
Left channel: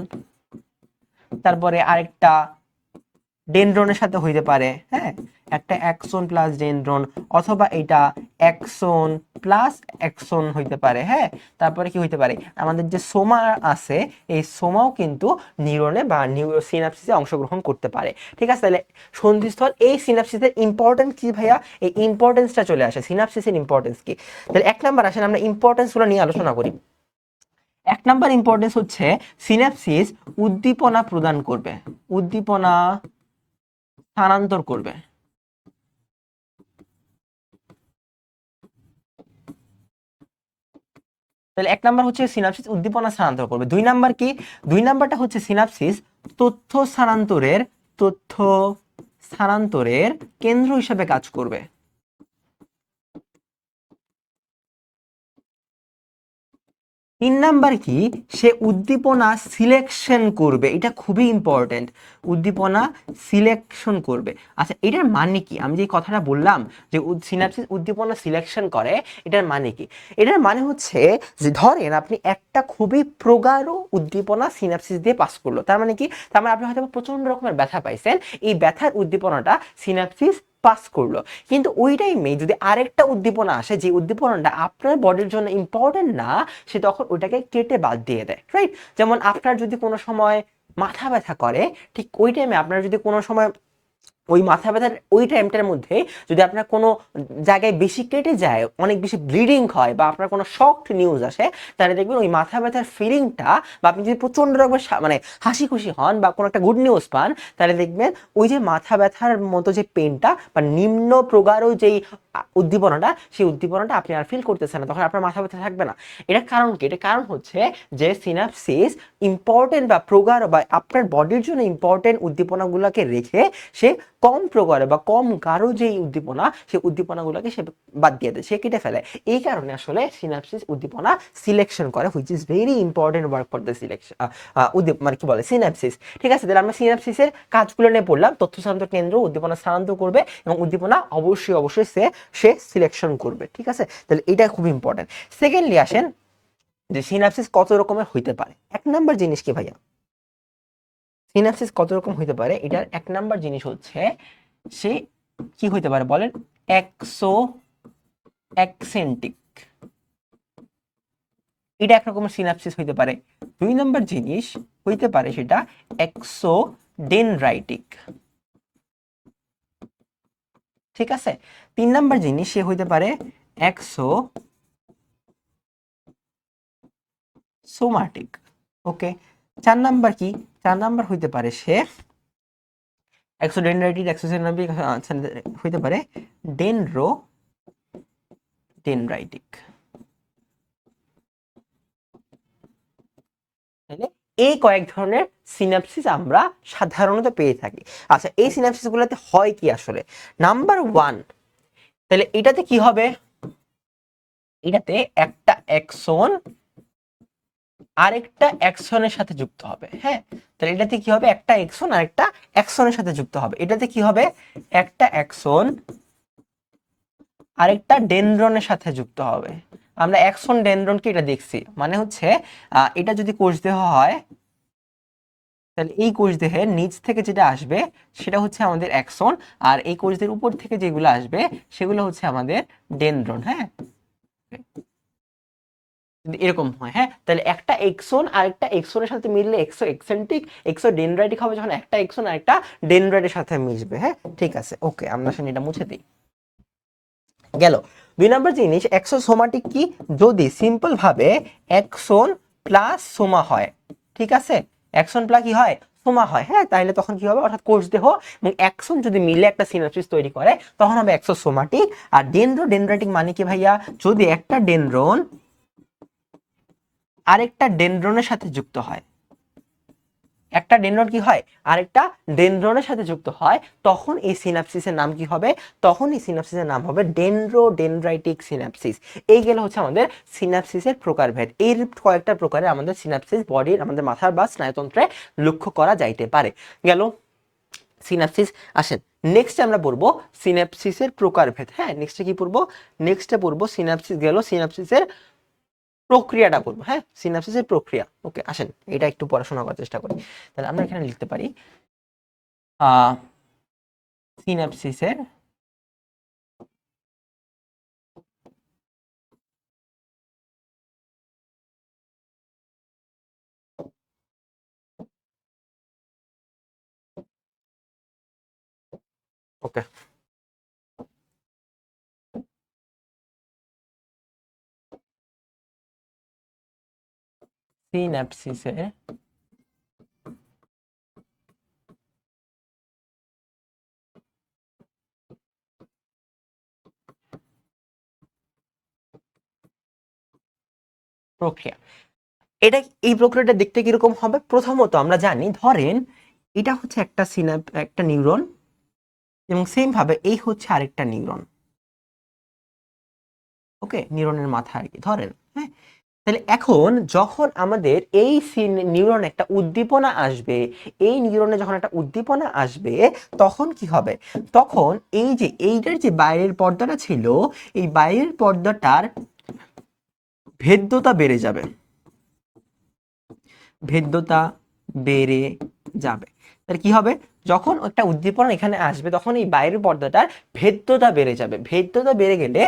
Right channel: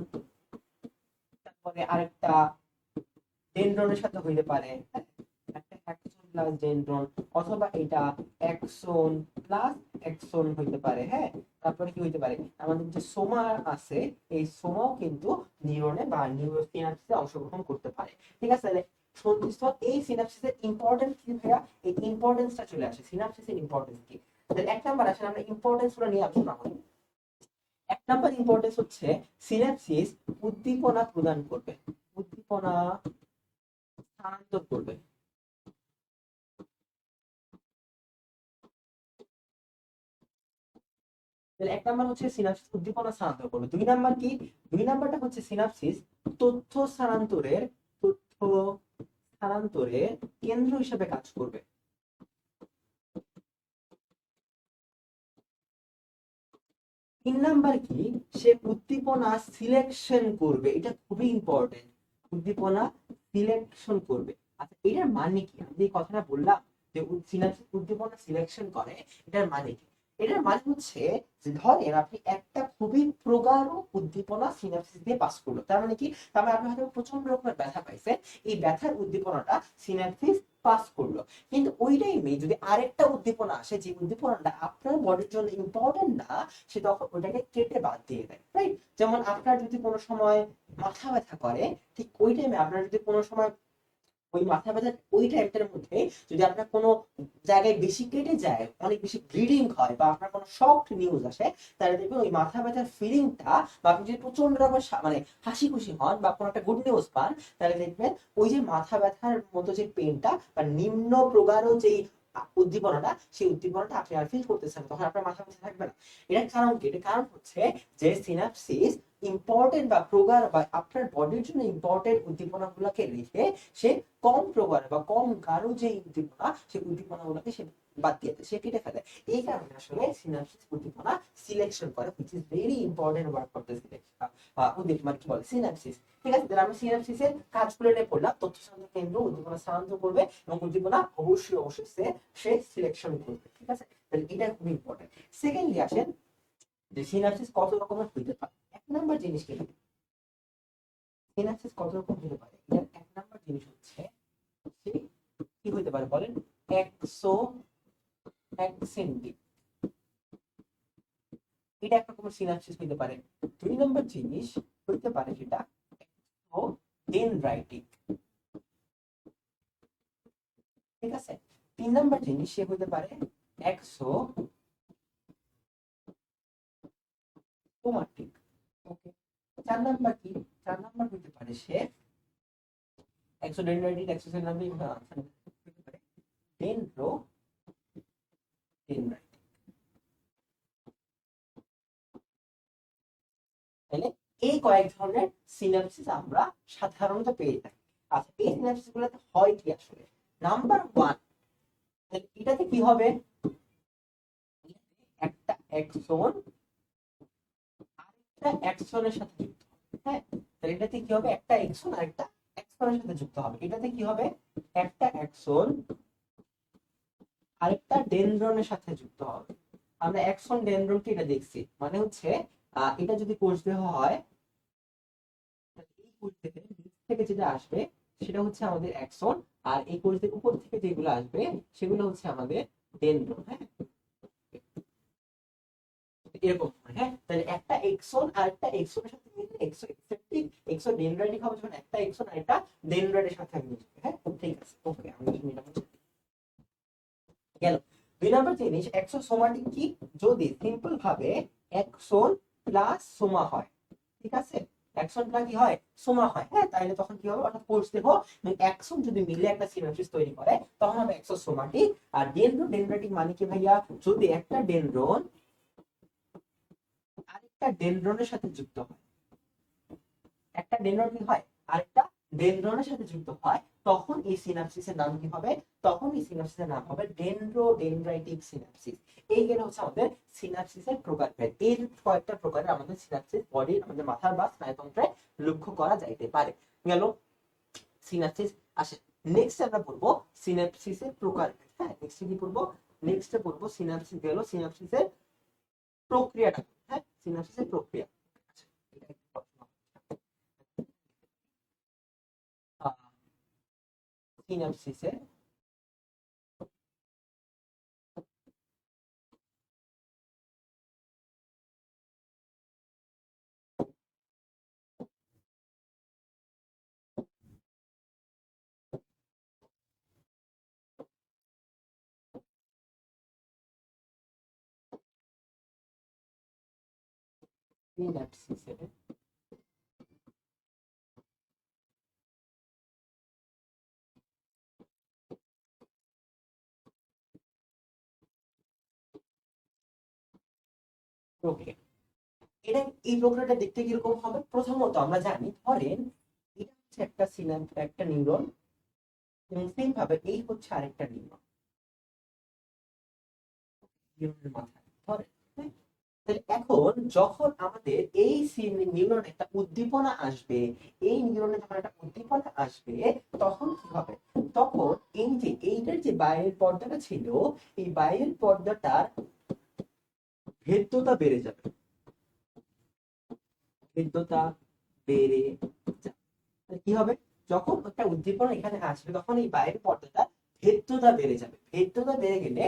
তারপরে আরেকটা ডেনড্রনের সাথে হইতে পারে। হ্যাঁ, একটা অ্যাক্সন প্লাস ডেনড্রন, অথবা এটা অ্যাক্সন প্লাস অ্যাক্সন হইতে পারে। হ্যাঁ, তারপরে কি হইতে পারে, আমাদের যে সোমা আছে, এই সোমাও কিন্তু নিউরনে বা সিনাপসিসে অংশগ্রহণ করতে পারে। ঠিক আছে, তাহলে সন্ধিস্থল, এই সিনাপসিসের ইম্পর্টেন্স কি ভাইয়া, এই ইম্পর্টেন্সটা চলে আসে, সিনাপসিসের ইম্পর্টেন্স কি। তাহলে এক নাম্বার আসেন আমরা ইম্পর্টেন্সগুলো নিয়ে আলোচনা করি। এক নাম্বার ইম্পর্টেন্স হচ্ছে সিনাপসিস উদ্দীপনা প্রদান করবে, উদ্দীপনা স্থানান্তর করবে। তাহলে এক নাম্বার হচ্ছে সিনাপসিস উদ্দীপনা স্থানান্তর করবে। দুই নাম্বার কি? দুই নাম্বারটা হচ্ছে সিনাপসিস তথ্য স্থানান্তরের কেন্দ্র হিসেবে কাজ করবে। তিন নাম্বার কি? সে উদ্দীপনা সিলেকশন করবে, এটা খুবই ইম্পর্টেন্ট, উদ্দীপনা সিলেকশন করবে। আচ্ছা, এটার মানে কি? আমি যে কথাটা বললাম যে সিনাপসিস উদ্দীপনা সিলেকশন করে, এটার মানে কি? এটার মানে হচ্ছে যে ধরেন আপনি একটা খুবই প্রগাঢ় উদ্দীপনা সিনাপসিস দিয়ে পাস করলো, তার মানে কি? তার মানে আপনি হয়তো প্রচন্ড রকমের ব্যথা পাইছেন, এই ব্যথার উদ্দীপনাটা সিনাপসিস পাস করলো, কিন্তু ওই টাইমে যদি আরেকটা উদ্দীপনা আসে যে উদ্দীপনাটা আপনার বডির জন্য ইম্পর্টেন্ট না, সে তখন ওইটাকে কেটে বাদ দিয়ে দেয়, রাইট? যেমন আপনার যদি কোনো সময় মাথা ব্যথা করে, ঠিক ওই টাইমে আপনার যদি কোনো সময় ওই মাথা ব্যথার ওই টাইমটার মধ্যে যদি আপনার কোনো জায়গায় বেশি কেটে যায়, অনেক বেশি ব্লিডিং হয়, বা আপনার কোনো শক্ট নিউজ আসে, তাহলে দেখবেন ওই মাথা ব্যথার ফিলিংটা, বা আপনি যদি প্রচন্ড রকমের মানে হাসি খুশি হন বা কোনো একটা গুড নিউজ পান, তাহলে দেখবেন ওই যে মাথা ব্যথার মতো যে পেনটা বা নিম্ন প্রগাঢ় যেই উদ্দীপনাটা, সেই উদ্দীপনাটা আপনি আর ফিল করতেছেন না, তখন আপনার মাথা ব্যথা থাকবে না। এটা কারণ কি? এটা কারণ হচ্ছে যে সিনাপসিস ইম্পর্টেন্ট বা প্রগাঢ় বা আপনার বডির জন্য ইম্পর্টেন্ট উদ্দীপনাগুলোকে রেখে সে কম প্রকারে বা কম গাঢ় যে উদ্দীপনা, সেই উদ্দীপনাগুলোকে সে বাদ দিয়ে দেয়, সে কেটে ফেলে। এই কারণে আসলে সিনাপসিস উদ্দীপনা সিলেকশন করে, which is very important work for the selection মানে কি বলে সিনাপসিস। ঠিক আছে, তাহলে আমরা সিনাপসিসের কাজগুলো নিয়ে পড়লাম। তথ্য স্থানান্তর কেন্দ্র উদ্দীপনা স্থানান্তর করবে এবং উদ্দীপনা অবশ্যই অবশ্যই সে সিলেকশন করবে। ঠিক আছে, তাহলে এটা খুব ইম্পর্টেন্ট। সেকেন্ডলি আসেন যে সিনাপসিস কত রকমের হইতে পারে। এক নাম্বার জিনিস কি ভাইয়া? সিনাপসিস কত রকম হইতে পারে, এটার এক নাম্বার জিনিস হচ্ছে সে কি হইতে পারে বলেন? এক্সো অ্যাকসেন্টিক, এটা এক রকমের সিনাপসিস হইতে পারে। দুই নাম্বার জিনিস হইতে পারে সেটা এক্সো ডেনড্রাইটিক। ঠিক আছে, তিন নাম্বার জিনিস সে হইতে পারে এক্সো সোমাটিক। ওকে, চার নাম্বার কি? চার নাম্বার হইতে পারে সে এক্সোডেনড্রাইটিক, এক্সোসিনাবিক হইতে পারে ডেনড্রাইটিক। তাহলে এই কয়েক ধরনের সিনাপসিস আমরা সাধারণত পেয়ে থাকি। আচ্ছা, এই সিনাপসিস গুলোতে হয় কি আসলে? নাম্বার ওয়ান, তাহলে এটাতে কি হবে? এটাতে একটা এক্সন আরেকটা এক্সনের সাথে যুক্ত হবে। হ্যাঁ, তাহলে এটাতে কি হবে? একটা এক্সন আরেকটা এক্সনের সাথে যুক্ত হবে। এটাতে কি হবে? একটা এক্সন আরেকটা ডেনড্রনের সাথে যুক্ত হবে। আমরা এক্সন ডেনড্রনকে এটা দেখছি, মানে হচ্ছে এটা যদি কোষ দেহ হয়, তাহলে এই কোষ দেহের নিচ থেকে যেটা আসবে সেটা হচ্ছে আমাদের অ্যাক্সন, আর এই কোষ দেহের উপর থেকে যেগুলো আসবে সেগুলো হচ্ছে আমাদের ডেনড্রন। হ্যাঁ, যদি এরকম হয়, হ্যাঁ, তাহলে একটা এক্সন আর একটা এক্সনের সাথে মিললে এক্সো এক্সেন্ট্রিক, এক্সো ডেনড্রাইটিক হবে যখন একটা এক্সন আর একটা ডেনড্রাইটের সাথে মিশবে। হ্যাঁ, ঠিক আছে, ওকে, আমরা সেটা এটা মুছে দিই। গেল। দুই নম্বর জিনিস এক্সোসোমাটিক কি? যদি সিম্পল ভাবে এক্সন প্লাস সোমা হয়, ঠিক আছে, এক্সন প্লাস কি হয়? সোমা হয়। হ্যাঁ, তাহলে তখন কি হবে? অর্থাৎ কোষ দেহ এবং এক্সন যদি মিলে একটা সিনাপসিস তৈরি করে, তখন হবে এক্সোসোমাটিক। আর ডেনড্রাইটিক মানে কি ভাইয়া? যদি একটা ডেনড্রন আরেকটা ডেনড্রনের সাথে যুক্ত হয়, একটা ডেনড্রন কি হয়? আরেকটা ডেনড্রনের সাথে যুক্ত হয়, তখন এই সিনাপসিসের নাম কি হবে? তখন এই সিনাপসিসের নাম হবে ডেনড্রাইটিক সিনাপসিস। এই গেল হচ্ছে আমাদের সিনাপসিসের প্রকারভেদ। এর কয়েকটা প্রকারে আমাদের সিনাপসিস বডির, আমাদের মাথার বা স্নায়ুতন্ত্রে লক্ষ্য করা যাইতে পারে। গেল সিনাপসিস। আসেন নেক্সট আমরা পড়বো সিনাপসিসের প্রকারভেদ। হ্যাঁ, নেক্সটে কি পড়বো? নেক্সটে পড়বো সিনাপসিস, গেল সিনাপসিসের প্রক্রিয়াটা করবো। হ্যাঁ, সিনাপসিসের প্রক্রিয়া। ওকে, আসেন এটা একটু পড়াশোনা করার চেষ্টা করি। তাহলে আমরা এখানে লিখতে পারি সিনাপসিসের ওকে সিনাপসিসের প্রক্রিয়া। এটা এই প্রক্রিয়াটা দেখতে কিরকম হবে? প্রথমত আমরা জানি, ধরেন এটা হচ্ছে একটা নিউরন এবং সেম ভাবে এই হচ্ছে আরেকটা নিউরন। ওকে, নিউরনের মাথা আর কি ধরেন, হ্যাঁ। তাহলে এখন যখন আমাদের এই নিউরনে একটা উদ্দীপনা আসবে, এই নিউরনে যখন একটা উদ্দীপনা আসবে, তখন কি হবে? তখন এই যে এইটার যে বাইরের পর্দাটা ছিল, এই বাইরের পর্দাটার ভেদ্যতা বেড়ে যাবে, ভেদ্যতা বেড়ে যাবে। তাহলে কি হবে? যখন একটা উদ্দীপনা এখানে আসবে, তখন এই বাইরের পর্দাটার ভেদ্যতা বেড়ে যাবে। ভেদ্যতা বেড়ে গেলে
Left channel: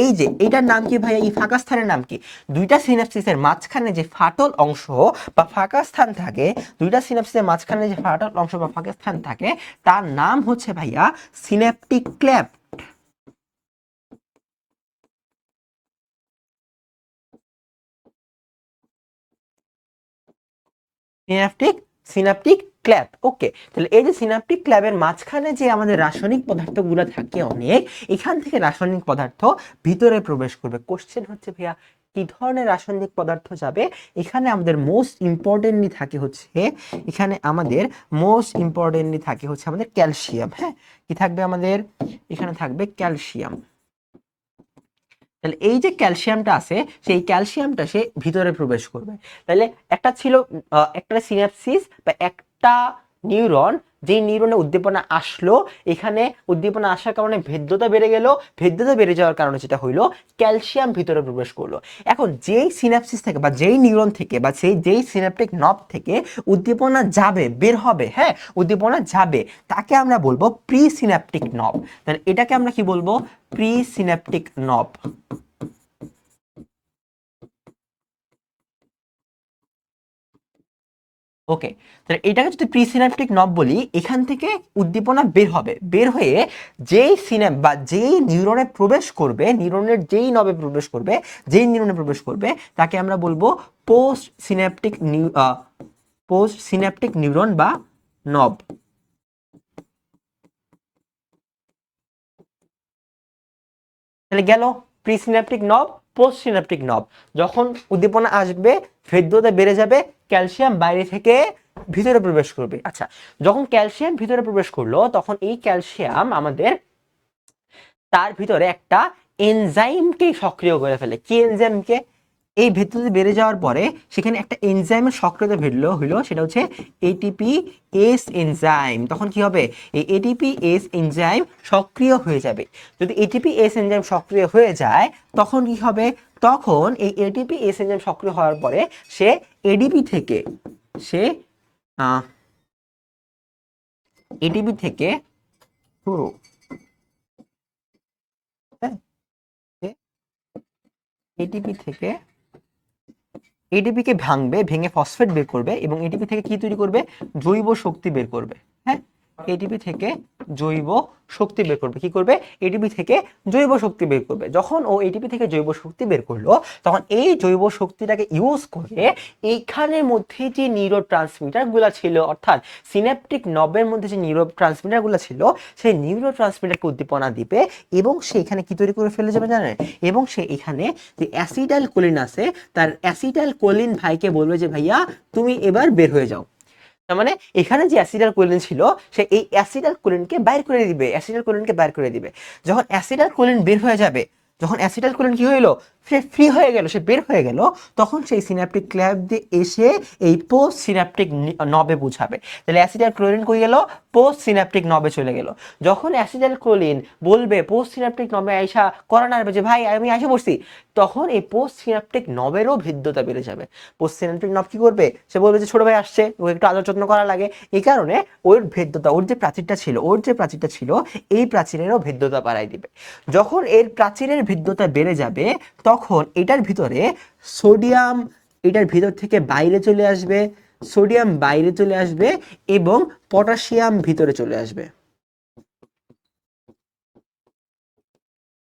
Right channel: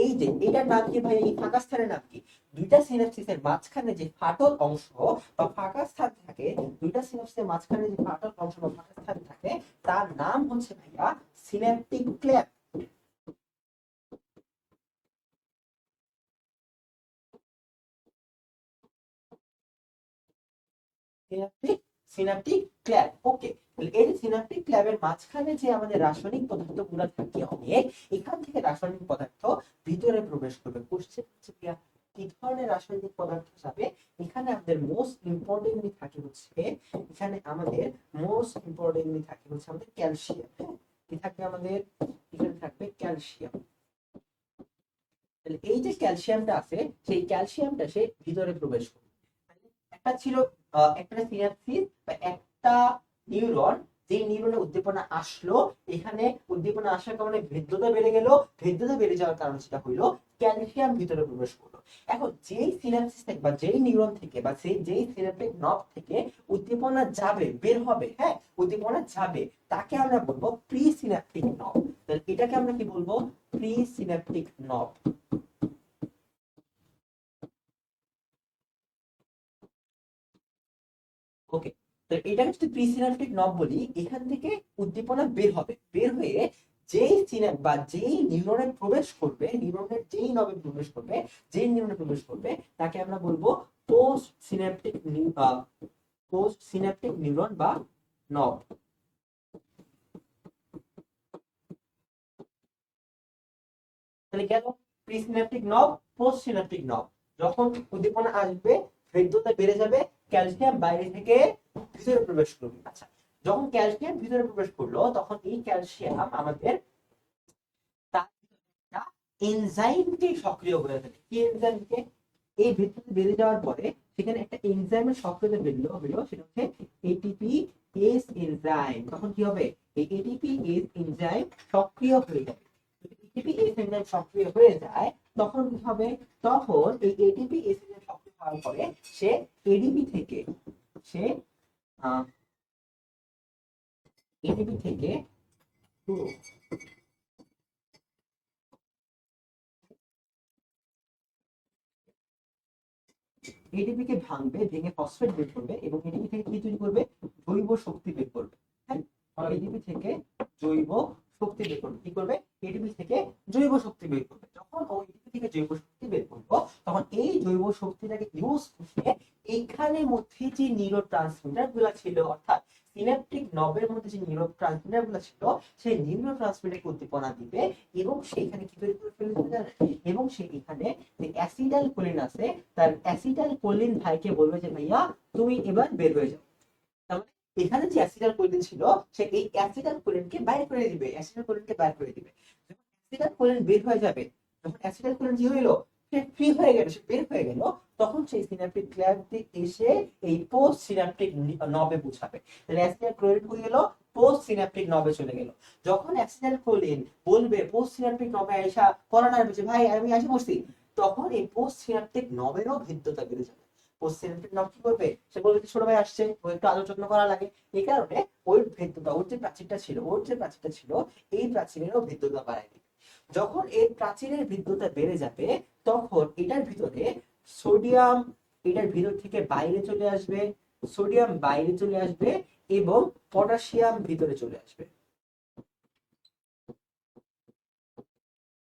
এই যে এটার নাম কি ভাই? এই ফাঁকা স্থানের নাম কি? দুইটা সিনাপসিসের মাঝখানে যে ফাটল অংশ বা ফাঁকা স্থান থাকে, দুইটা সিনাপসিসের মাঝখানে যে ফাটল অংশ বা ফাঁকা স্থান থাকে, তার নাম হচ্ছে ভাইয়া synaptic cleft. Synaptic synaptic cleft. Okay, তাহলে এই যে সিনাপটিক ক্ল্যাপের মাঝখানে যে আমাদের রাসায়নিক পদার্থগুলো থাকে অনেক, এখান থেকে রাসায়নিক পদার্থ ভিতরে প্রবেশ করবে। কোশ্চেন হচ্ছে ভাইয়া কি ধরনের রাসায়নিক পদার্থ যাবে? এখানে আমাদের মোস্ট ইম্পর্টেন্টলি থাকে হচ্ছে, এখানে আমাদের মোস্ট ইম্পর্টেন্টলি থাকে হচ্ছে আমাদের ক্যালসিয়াম। হ্যাঁ, কি থাকবে আমাদের? এখানে থাকবে ক্যালসিয়াম। তাহলে এই যে ক্যালসিয়ামটা আছে, সেই ক্যালসিয়ামটা সে ভিতরে প্রবেশ করবে। তাহলে একটা ছিল একটা সিনাপসিস বা একটা নিউরন, যে নিউরনে উদ্দীপনা আসলো, এখানে উদ্দীপনা আসার কারণে ভেদ্যতা বেড়ে গেল, ভেদ্যতা বেড়ে যাওয়ার কারণে যেটা হইলো, ক্যালসিয়াম ভিতরে প্রবেশ করলো। এখন যেই সিনাপসিস থেকে বা যেই নিউরন থেকে বা যেই সিনাপটিক নব থেকে উদ্দীপনা যাবে, বের হবে, হ্যাঁ, উদ্দীপনা যাবে, তাকে আমরা বলবো প্রি সিনাপটিক নব। তাহলে এটাকে আমরা কি বলবো? প্রি সিনাপটিক নব। ওকে, তাহলে এটাকে যদি প্রিসিনাপটিক নব বলি, এখান থেকে উদ্দীপনা বের হবে, বের হয়ে যেই সিনাপ বা যেই নিউরনে প্রবেশ করবে, নিউরনের যেই নবে প্রবেশ করবে, যেই নিউরনে প্রবেশ করবে, তাকে আমরা বলবো পোস্ট সিনাপটিক নিউরন বা নব। তাহলে গেল প্রিসিনাপটিক নব, পোস্ট সিনাপটিক নব। যখন উদ্দীপনা আসবে, ভেদ্যতা বেড়ে যাবে, ক্যালসিয়াম বাইরে থেকে ভিতরে প্রবেশ করবে। আচ্ছা, যখন ক্যালসিয়াম ভিতরে প্রবেশ করলো, তখন এই ক্যালসিয়াম আমাদের তার ভিতরে একটা এনজাইমকে সক্রিয় করে ফেলে। কি এনজাইমকে? এই ভেদ্যতা বেড়ে যাওয়ার পরে সেখানে একটা এনজাইমের সক্রিয়তা হইলো, সেটা হচ্ছে এটিপি এস এনজাইম। তখন কি হবে? এই এটিপি এস এনজাইম সক্রিয় হয়ে যাবে। যদি এটিপি এস এনজাইম সক্রিয় হয়ে যায়, তখন কি হবে? তখন এই এটিপি এস এনজাইম সক্রিয় হওয়ার পরে সে এডিপি থেকে সে এটিপি থেকে এটিপি থেকে এটিপি কে ভাঙবে, ভেঙে ফসফেট বের করবে এবং এটিপি থেকে কি তৈরি করবে? জৈব শক্তি বের করবে। হ্যাঁ, এটিপি থেকে জৈব শক্তি বের করবে। কি করবে? এটিপি থেকে জৈব শক্তি বের করবে। যখন ও এটিপি থেকে জৈব শক্তি বের করলো, তখন এই জৈব শক্তিটাকে ইউজ করে এইখানের মধ্যে যে নিউরো ট্রান্সমিটার গুলা ছিল, অর্থাৎ সিনাপটিক নবের মধ্যে যে নিউরো ট্রান্সমিটার গুলা ছিল, সেই নিউরো ট্রান্সমিটারকে উদ্দীপনা দিবে এবং সে এখানে কি তৈরি করে ফেলে যাবে জানেন? এবং সে এখানে যে অ্যাসিটাইল কোলিন আছে, তার অ্যাসিটাইল কোলিন ভাইকে বলবে যে ভাইয়া তুমি এবার বের হয়ে যাও। তার মানে এখানে যে অ্যাসিটাইল কোলিন ছিল, সে এই অ্যাসিটাইল কোলিনকে বাইর করে দিবে, অ্যাসিটাইল কোলিনকে বাইর করে দিবে। যখন অ্যাসিটাইল কোলিন বের হয়ে যাবে, যখন অ্যাসিটাইল কোলিন কি হইলো? সে ফ্রি হয়ে গেল, সে বের হয়ে গেল, তখন সেই সিনাপটিক ক্ল্যাপ দিয়ে এসে এই পোস্ট সিনাপটিক নবে বুঝাবে। তাহলে অ্যাসিটাইল কোলিন কই গেল? পোস্ট সিনাপটিক নবে চলে গেল। যখন অ্যাসিটাইল কোলিন বলবে পোস্ট সিনাপটিক নবে আইসা করানো হবে যে ভাই আমি আইসা বসছি, তখন এই পোস্ট সিনাপটিক নবেরও ভিদ্যতা বেড়ে যাবে। পোস্ট সিনাপটিক নব কি করবে? সে বলবে যে ছোট ভাই আসছে, ও একটু আদর যত্ন করা লাগে, এই কারণে ওর ভেদ্যতা, ওর যে প্রাচীরটা ছিল, এই প্রাচীরেরও ভেদ্যতা বাড়াই দিবে। যখন এর প্রাচীরের ভেদ্যতা বেড়ে যাবে, তখন এটার ভিতরে সোডিয়াম এটার ভিতর থেকে বাইরে চলে আসবে, সোডিয়াম বাইরে চলে আসবে এবং পটাশিয়াম ভিতরে চলে আসবে।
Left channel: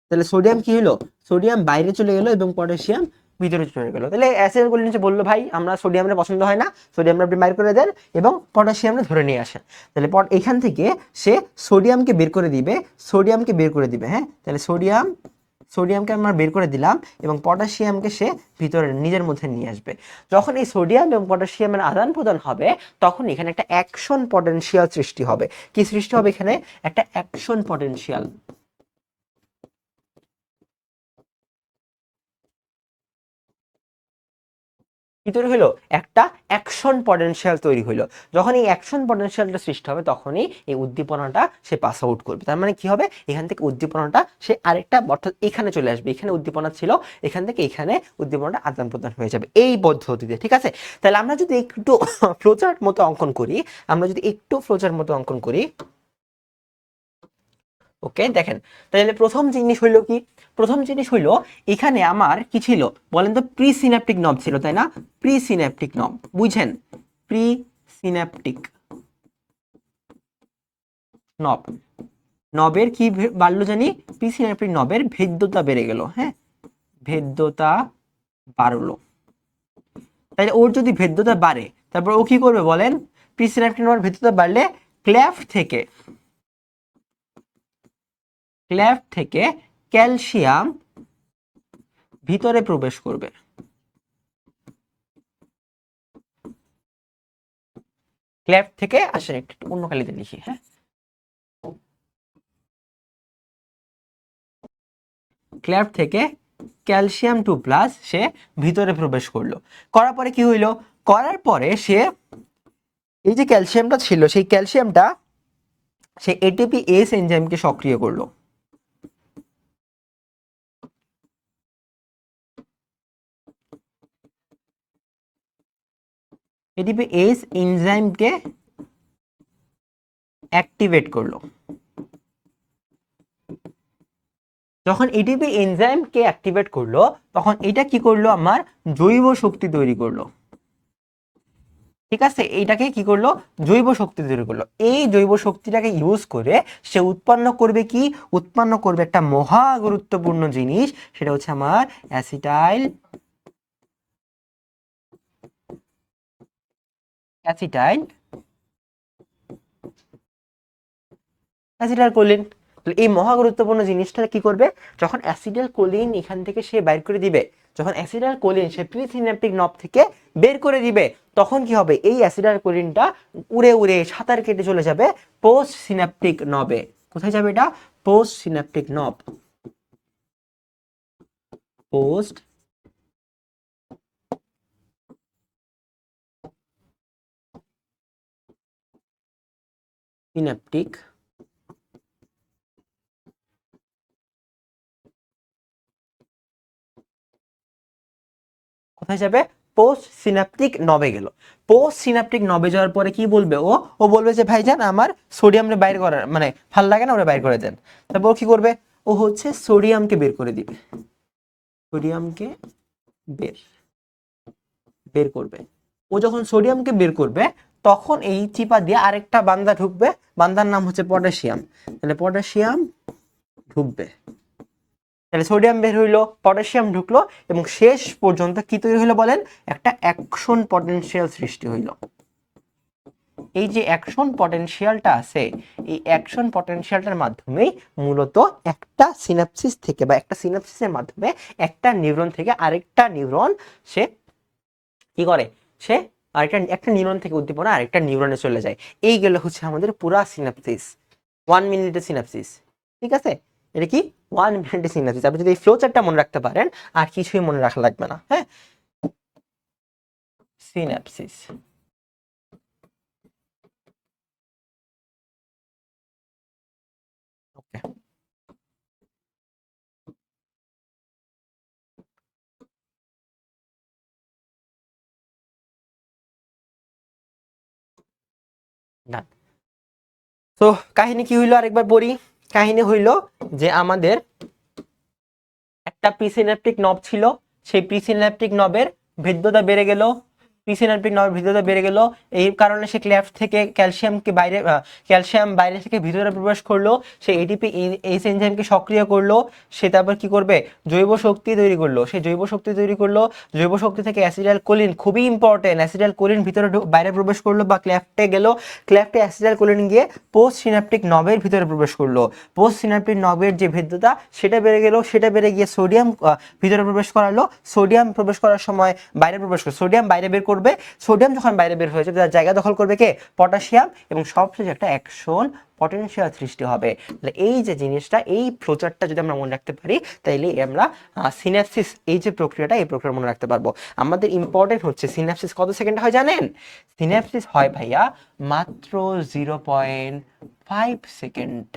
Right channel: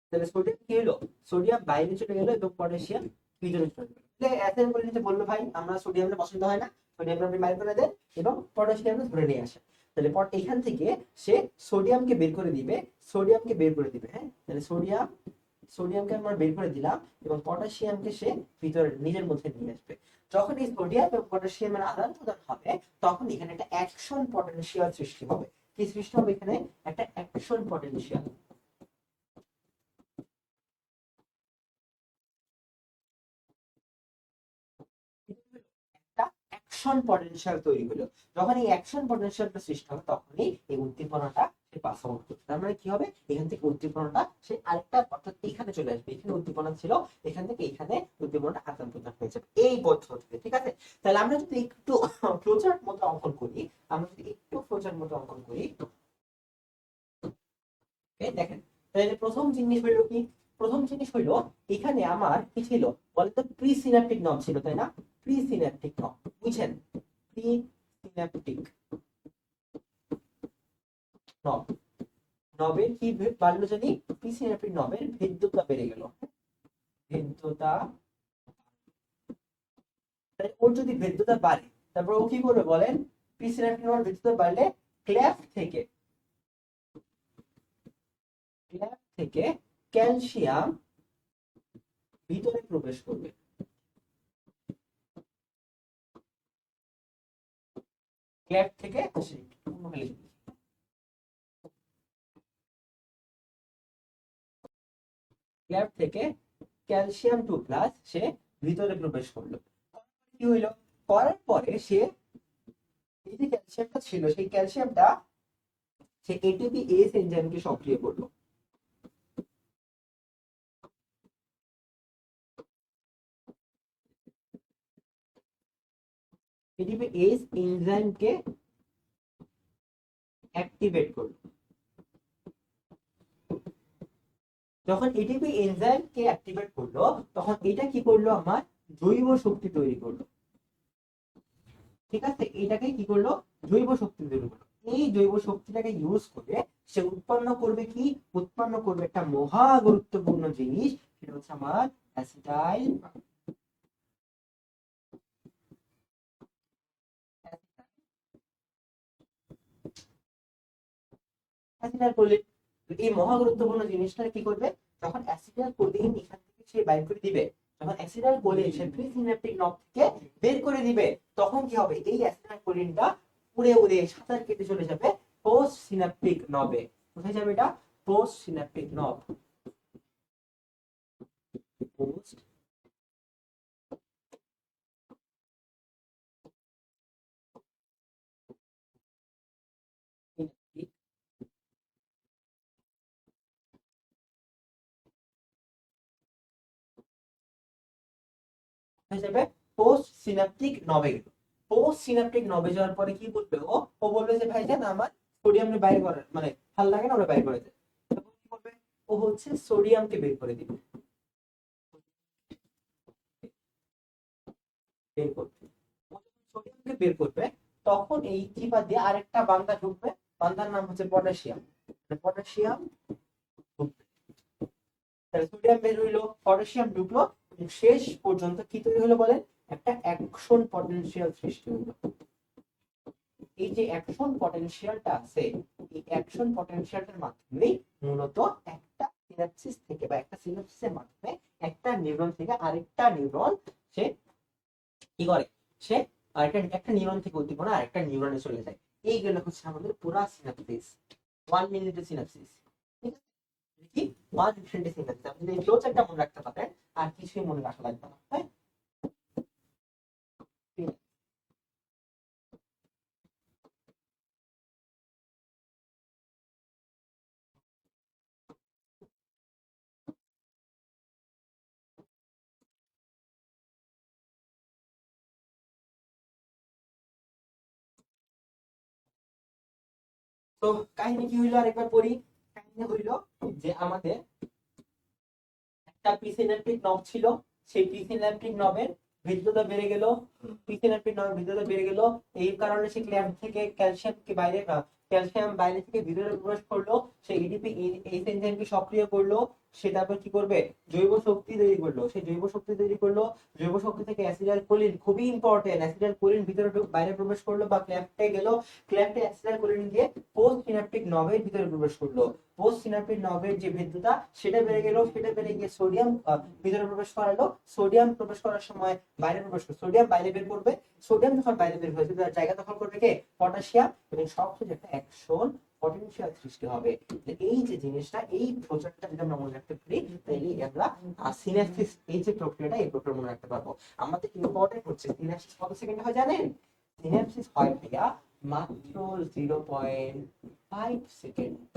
তাহলে সোডিয়াম কি হলো? সোডিয়াম বাইরে চলে গেল এবং পটাশিয়াম ভিতরে চলে গেল। তাহলে অ্যাসিড বলে নিচে বললো ভাই আমরা সোডিয়ামটা পছন্দ হয় না, সোডিয়ামটা আপনি বাইর করে দেন এবং পটাশিয়ামটা ধরে নিয়ে আসেন। তাহলে এখান থেকে সে সোডিয়ামকে বের করে দিবে, হ্যাঁ। তাহলে সোডিয়াম সোডিয়ামকে আমরা বের করে দিলাম এবং পটাশিয়ামকে সে ভিতরে নিজের মধ্যে নিয়ে আসবে। যখন এই সোডিয়াম এবং পটাশিয়ামের আদান প্রদান হবে তখন এখানে একটা অ্যাকশন পটেনশিয়াল সৃষ্টি হবে। কি সৃষ্টি হবে এখানে? একটা অ্যাকশন পটেনশিয়াল। কি তৈরি হলো? একটা অ্যাকশন পটেনশিয়াল তৈরি হলো। যখন এই অ্যাকশন পটেনশিয়ালটা সৃষ্টি হবে তখনই এই উদ্দীপনাটা সে পাস আউট করবে। তার মানে কি হবে? এখান থেকে উদ্দীপনাটা সে আরেকটা, অর্থাৎ এখানে চলে আসবে। এখানে উদ্দীপনা ছিল, এখান থেকে এখানে উদ্দীপনাটা আদান প্রদান হয়ে যাবে এই পদ্ধতিতে। ঠিক আছে? তাহলে আমরা যদি একটু ফ্লোচার্ট মতো অঙ্কন করি, ওকে দেখেন, তাহলে প্রথম জিনিস হইলো কি? প্রথম জিনিস হইলো এখানে আমার কি ছিল বলেন তো? প্রি সিন্যাপটিক নব ছিল, তাই না? প্রি সিন্যাপটিক নব, বুঝছেন? প্রি সিন্যাপটিক নব, নবের কি বাড়লো জানি? প্রি সিন্যাপটিক নবের ভেদ্যতা বেড়ে গেল। হ্যাঁ, ভেদ্যতা বাড়লো। তাহলে ওর যদি ভেদ্যতা বাড়ে তারপর ও কি করবে বলেন? প্রি সিন্যাপটিক নবের ভেদ্যতা বাড়লে ক্লেফট থেকে ক্যালসিয়াম ভিতরে প্রবেশ করবে। ক্লেফট থেকে আসেন, একটু অন্য কালিতে লিখি। হ্যাঁ, ক্লেফট থেকে ক্যালসিয়াম 2+ সে ভিতরে প্রবেশ করলো। করার পরে কি হইলো? করার পরে সে এই যে ক্যালসিয়ামটা ছিল সেই ক্যালসিয়ামটা সে এটিপি এস এনজাইমকে সক্রিয় করলো। এটিপি এস এনজাইমকে অ্যাক্টিভেট করলো। যখন এটিপি এনজাইমকে অ্যাক্টিভেট করলো তখন এটা কি করলো? আমার জৈব শক্তি তৈরি করলো। ঠিক আছে, এইটাকে কি করলো? জৈব শক্তি তৈরি করলো। এই জৈব শক্তিটাকে ইউজ করে সে উৎপন্ন করবে কি? উৎপন্ন করবে একটা মহা গুরুত্বপূর্ণ জিনিস, সেটা হচ্ছে আমার অ্যাসিটাইল অ্যাসিটাইল কোলিন। এই মহা গুরুত্বপূর্ণ জিনিসটা কি করবে? যখন অ্যাসিটাইল কোলিন এখান থেকে সে বাইর করে দিবে, যখন অ্যাসিটাইল কোলিন সে প্রিসিনাপটিক নব থেকে বের করে দিবে, তখন কি হবে? এই অ্যাসিটাইল কোলিনটা উড়ে উড়ে সাঁতার কেটে চলে যাবে পোস্ট সিনাপটিক নবে। কোথায় যাবে এটা? পোস্ট সিনাপটিক নব। পোস্ট সিনাপটিক কোথায় যাবে? পোস্ট সিনাপটিক নবে গেল। পোস্ট সিনাপটিক নবে যাওয়ার পরে কি বলবে ও? ও বলবে যে ভাইজান আমার সোডিয়ামটা বাইর করার মানে ভাল লাগে না, ওরা বাইর করে দেন। তারপর কি করবে? ও হচ্ছে সোডিয়ামকে বের করে দিবে। সোডিয়ামকে বের বের করবে। ও যখন সোডিয়ামকে বের করবে তখন এই চিপা দিয়ে আরেকটা বান্দা ঢুকবে, বান্দার নাম হচ্ছে পটাশিয়াম। তাহলে পটাশিয়াম ঢুকবে। তাহলে সোডিয়াম বের হইলো, পটাশিয়াম ঢুকলো এবং শেষ পর্যন্ত কি তৈরি হলো বলেন? একটা অ্যাকশন পটেনশিয়াল সৃষ্টি হইলো। এই যে অ্যাকশন পটেনশিয়ালটা আছে, এই অ্যাকশন পটেনশিয়ালটার মাধ্যমেই মূলত একটা সিনাপসিস থেকে বা একটা সিনাপসিসের মাধ্যমে একটা নিউরন থেকে আরেকটা নিউরন সে কি করে? সে একটা নিউরন থেকে উদ্দীপনা আরেকটা নিউরনে চলে যায়। এই গেল হচ্ছে আমাদের পুরা সিনাপসিস, 1 মিনিটের সিনাপসিস। ঠিক আছে, এটা কি 1 মিনিটের সিনাপসিস। আপনি যদি এই ফ্লো চার্টটা মনে রাখতে পারেন আর কিছুই মনে রাখা লাগবে না। হ্যাঁ, সিনাপসিস। ওকে, ডান। তো কাহিনী কি হইলো আরেকবার পড়ি। কাহিনী হইলো যে আমাদের একটা প্রিসিন্যাপটিক নব ছিল, সেই প্রিসিন্যাপটিক নবের ভেদ্যতা বেড়ে গেল, প্রিসিনাপটিক নার্ভ ভিতরে বেড়ে গেল, এই কারণে সে ক্লেফট থেকে ক্যালসিয়াম বাইরে থেকে ভিতরে প্রবেশ করলো, সে এটিপি এইচ এনজাইমকে সক্রিয় করলো, সে তারপর কি করবে জৈব শক্তি তৈরি করলো, সে জৈব শক্তি তৈরি করলো, জৈব শক্তি থেকে অ্যাসিটাইল কোলিন, খুবই ইম্পর্টেন্ট, অ্যাসিটাইল কোলিন ভিতরে বাইরে প্রবেশ করলো বা ক্লেফটে গেল, ক্লেফটে অ্যাসিটাইল কোলিন গিয়ে পোস্ট সিনাপটিক নবের ভিতরে প্রবেশ করলো, পোস্ট সিনাপটিক নবের যে ভেদ্যতা সেটা বেড়ে গেল, সেটা বেড়ে গিয়ে সোডিয়াম ভিতরে প্রবেশ করালো, সোডিয়াম প্রবেশ করার সময় বাইরে প্রবেশ করে সোডিয়াম বাইরে বের করবে, সোডিয়াম যখন বাইরে বের হয়েছে তার জায়গা দখল করবে কে পটাশিয়াম, এবং সবশেষে একটা অ্যাকশন পটেনশিয়াল সৃষ্টি হবে। তাহলে এই যে জিনিসটা, এই ফ্লোচার্টটা যদি আমরা মনে রাখতে পারি তাইলে আমরা সিনাপসিস এই যে প্রক্রিয়াটা, এই প্রক্রিয়া মনে রাখতে পারবো। আমাদের ইম্পর্টেন্ট হচ্ছে সিনাপসিস কত সেকেন্ড হয় জানেন? সিনাপসিস হয় ভাইয়া মাত্র 0.5 সেকেন্ড।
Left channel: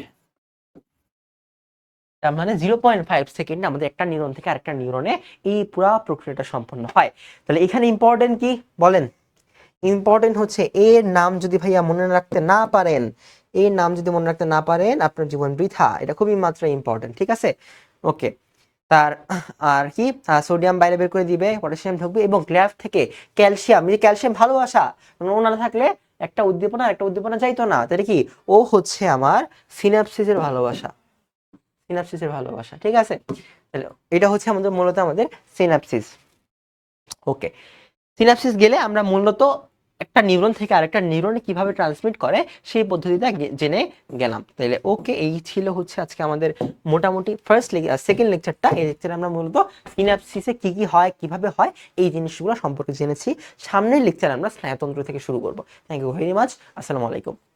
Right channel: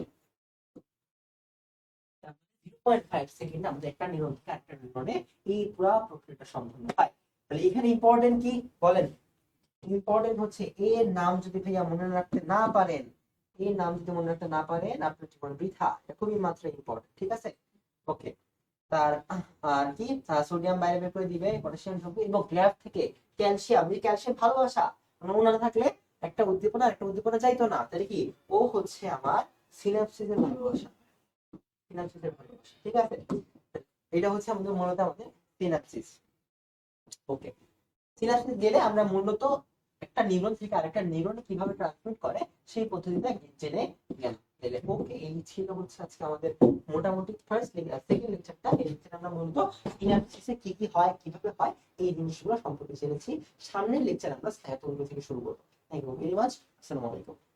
তার মানে 0.5 সেকেন্ডে আমাদের একটা নিউরন থেকে আরেকটা নিউরনে এই পুরো প্রক্রিয়াটা সম্পন্ন হয়। তাহলে এখানে ইম্পর্টেন্ট কি বলেন? ইম্পর্টেন্ট হচ্ছে এর নাম যদি ভাইয়া মনে রাখতে না পারেন, এর নাম যদি মনে রাখতে না পারেন আপনার জীবন বৃথা, এটা খুবই মাত্র ইম্পর্টেন্ট, ঠিক আছে? ওকে। তার আর কি সোডিয়াম বাইরে বের করে দিবে, পটাশিয়াম ঢুকবে, এবং ক্লেফট থেকে ক্যালসিয়াম, এই ক্যালসিয়াম ভালোবাসা, না থাকলে একটা উদ্দীপনা যাইতো না, তাহলে কি ও হচ্ছে আমার সিনাপসিসের ভালোবাসা, সিনাপসিসের ভালোবাসা, ঠিক আছে? তাহলে এটা হচ্ছে আমাদের মূলত আমাদের সিনাপসিস। ওকে, সিনাপসিস গেলে আমরা মূলত একটা নিউরন থেকে আরেকটা নিউরনে কিভাবে ট্রান্সমিট করে সেই পদ্ধতিটা জেনে গেলাম। তাহলে ওকে, এই ছিল হচ্ছে আজকে আমাদের মোটামুটি সেকেন্ড লেকচারটা। এই লেকচারে আমরা মূলত সিনাপসিসে কি কি হয়, কিভাবে হয়, এই জিনিসগুলো সম্পর্কে জেনেছি। সামনের লেকচারে আমরা স্নায়ুতন্ত্র থেকে শুরু করব। Thank you very much. আসসালামু আলাইকুম।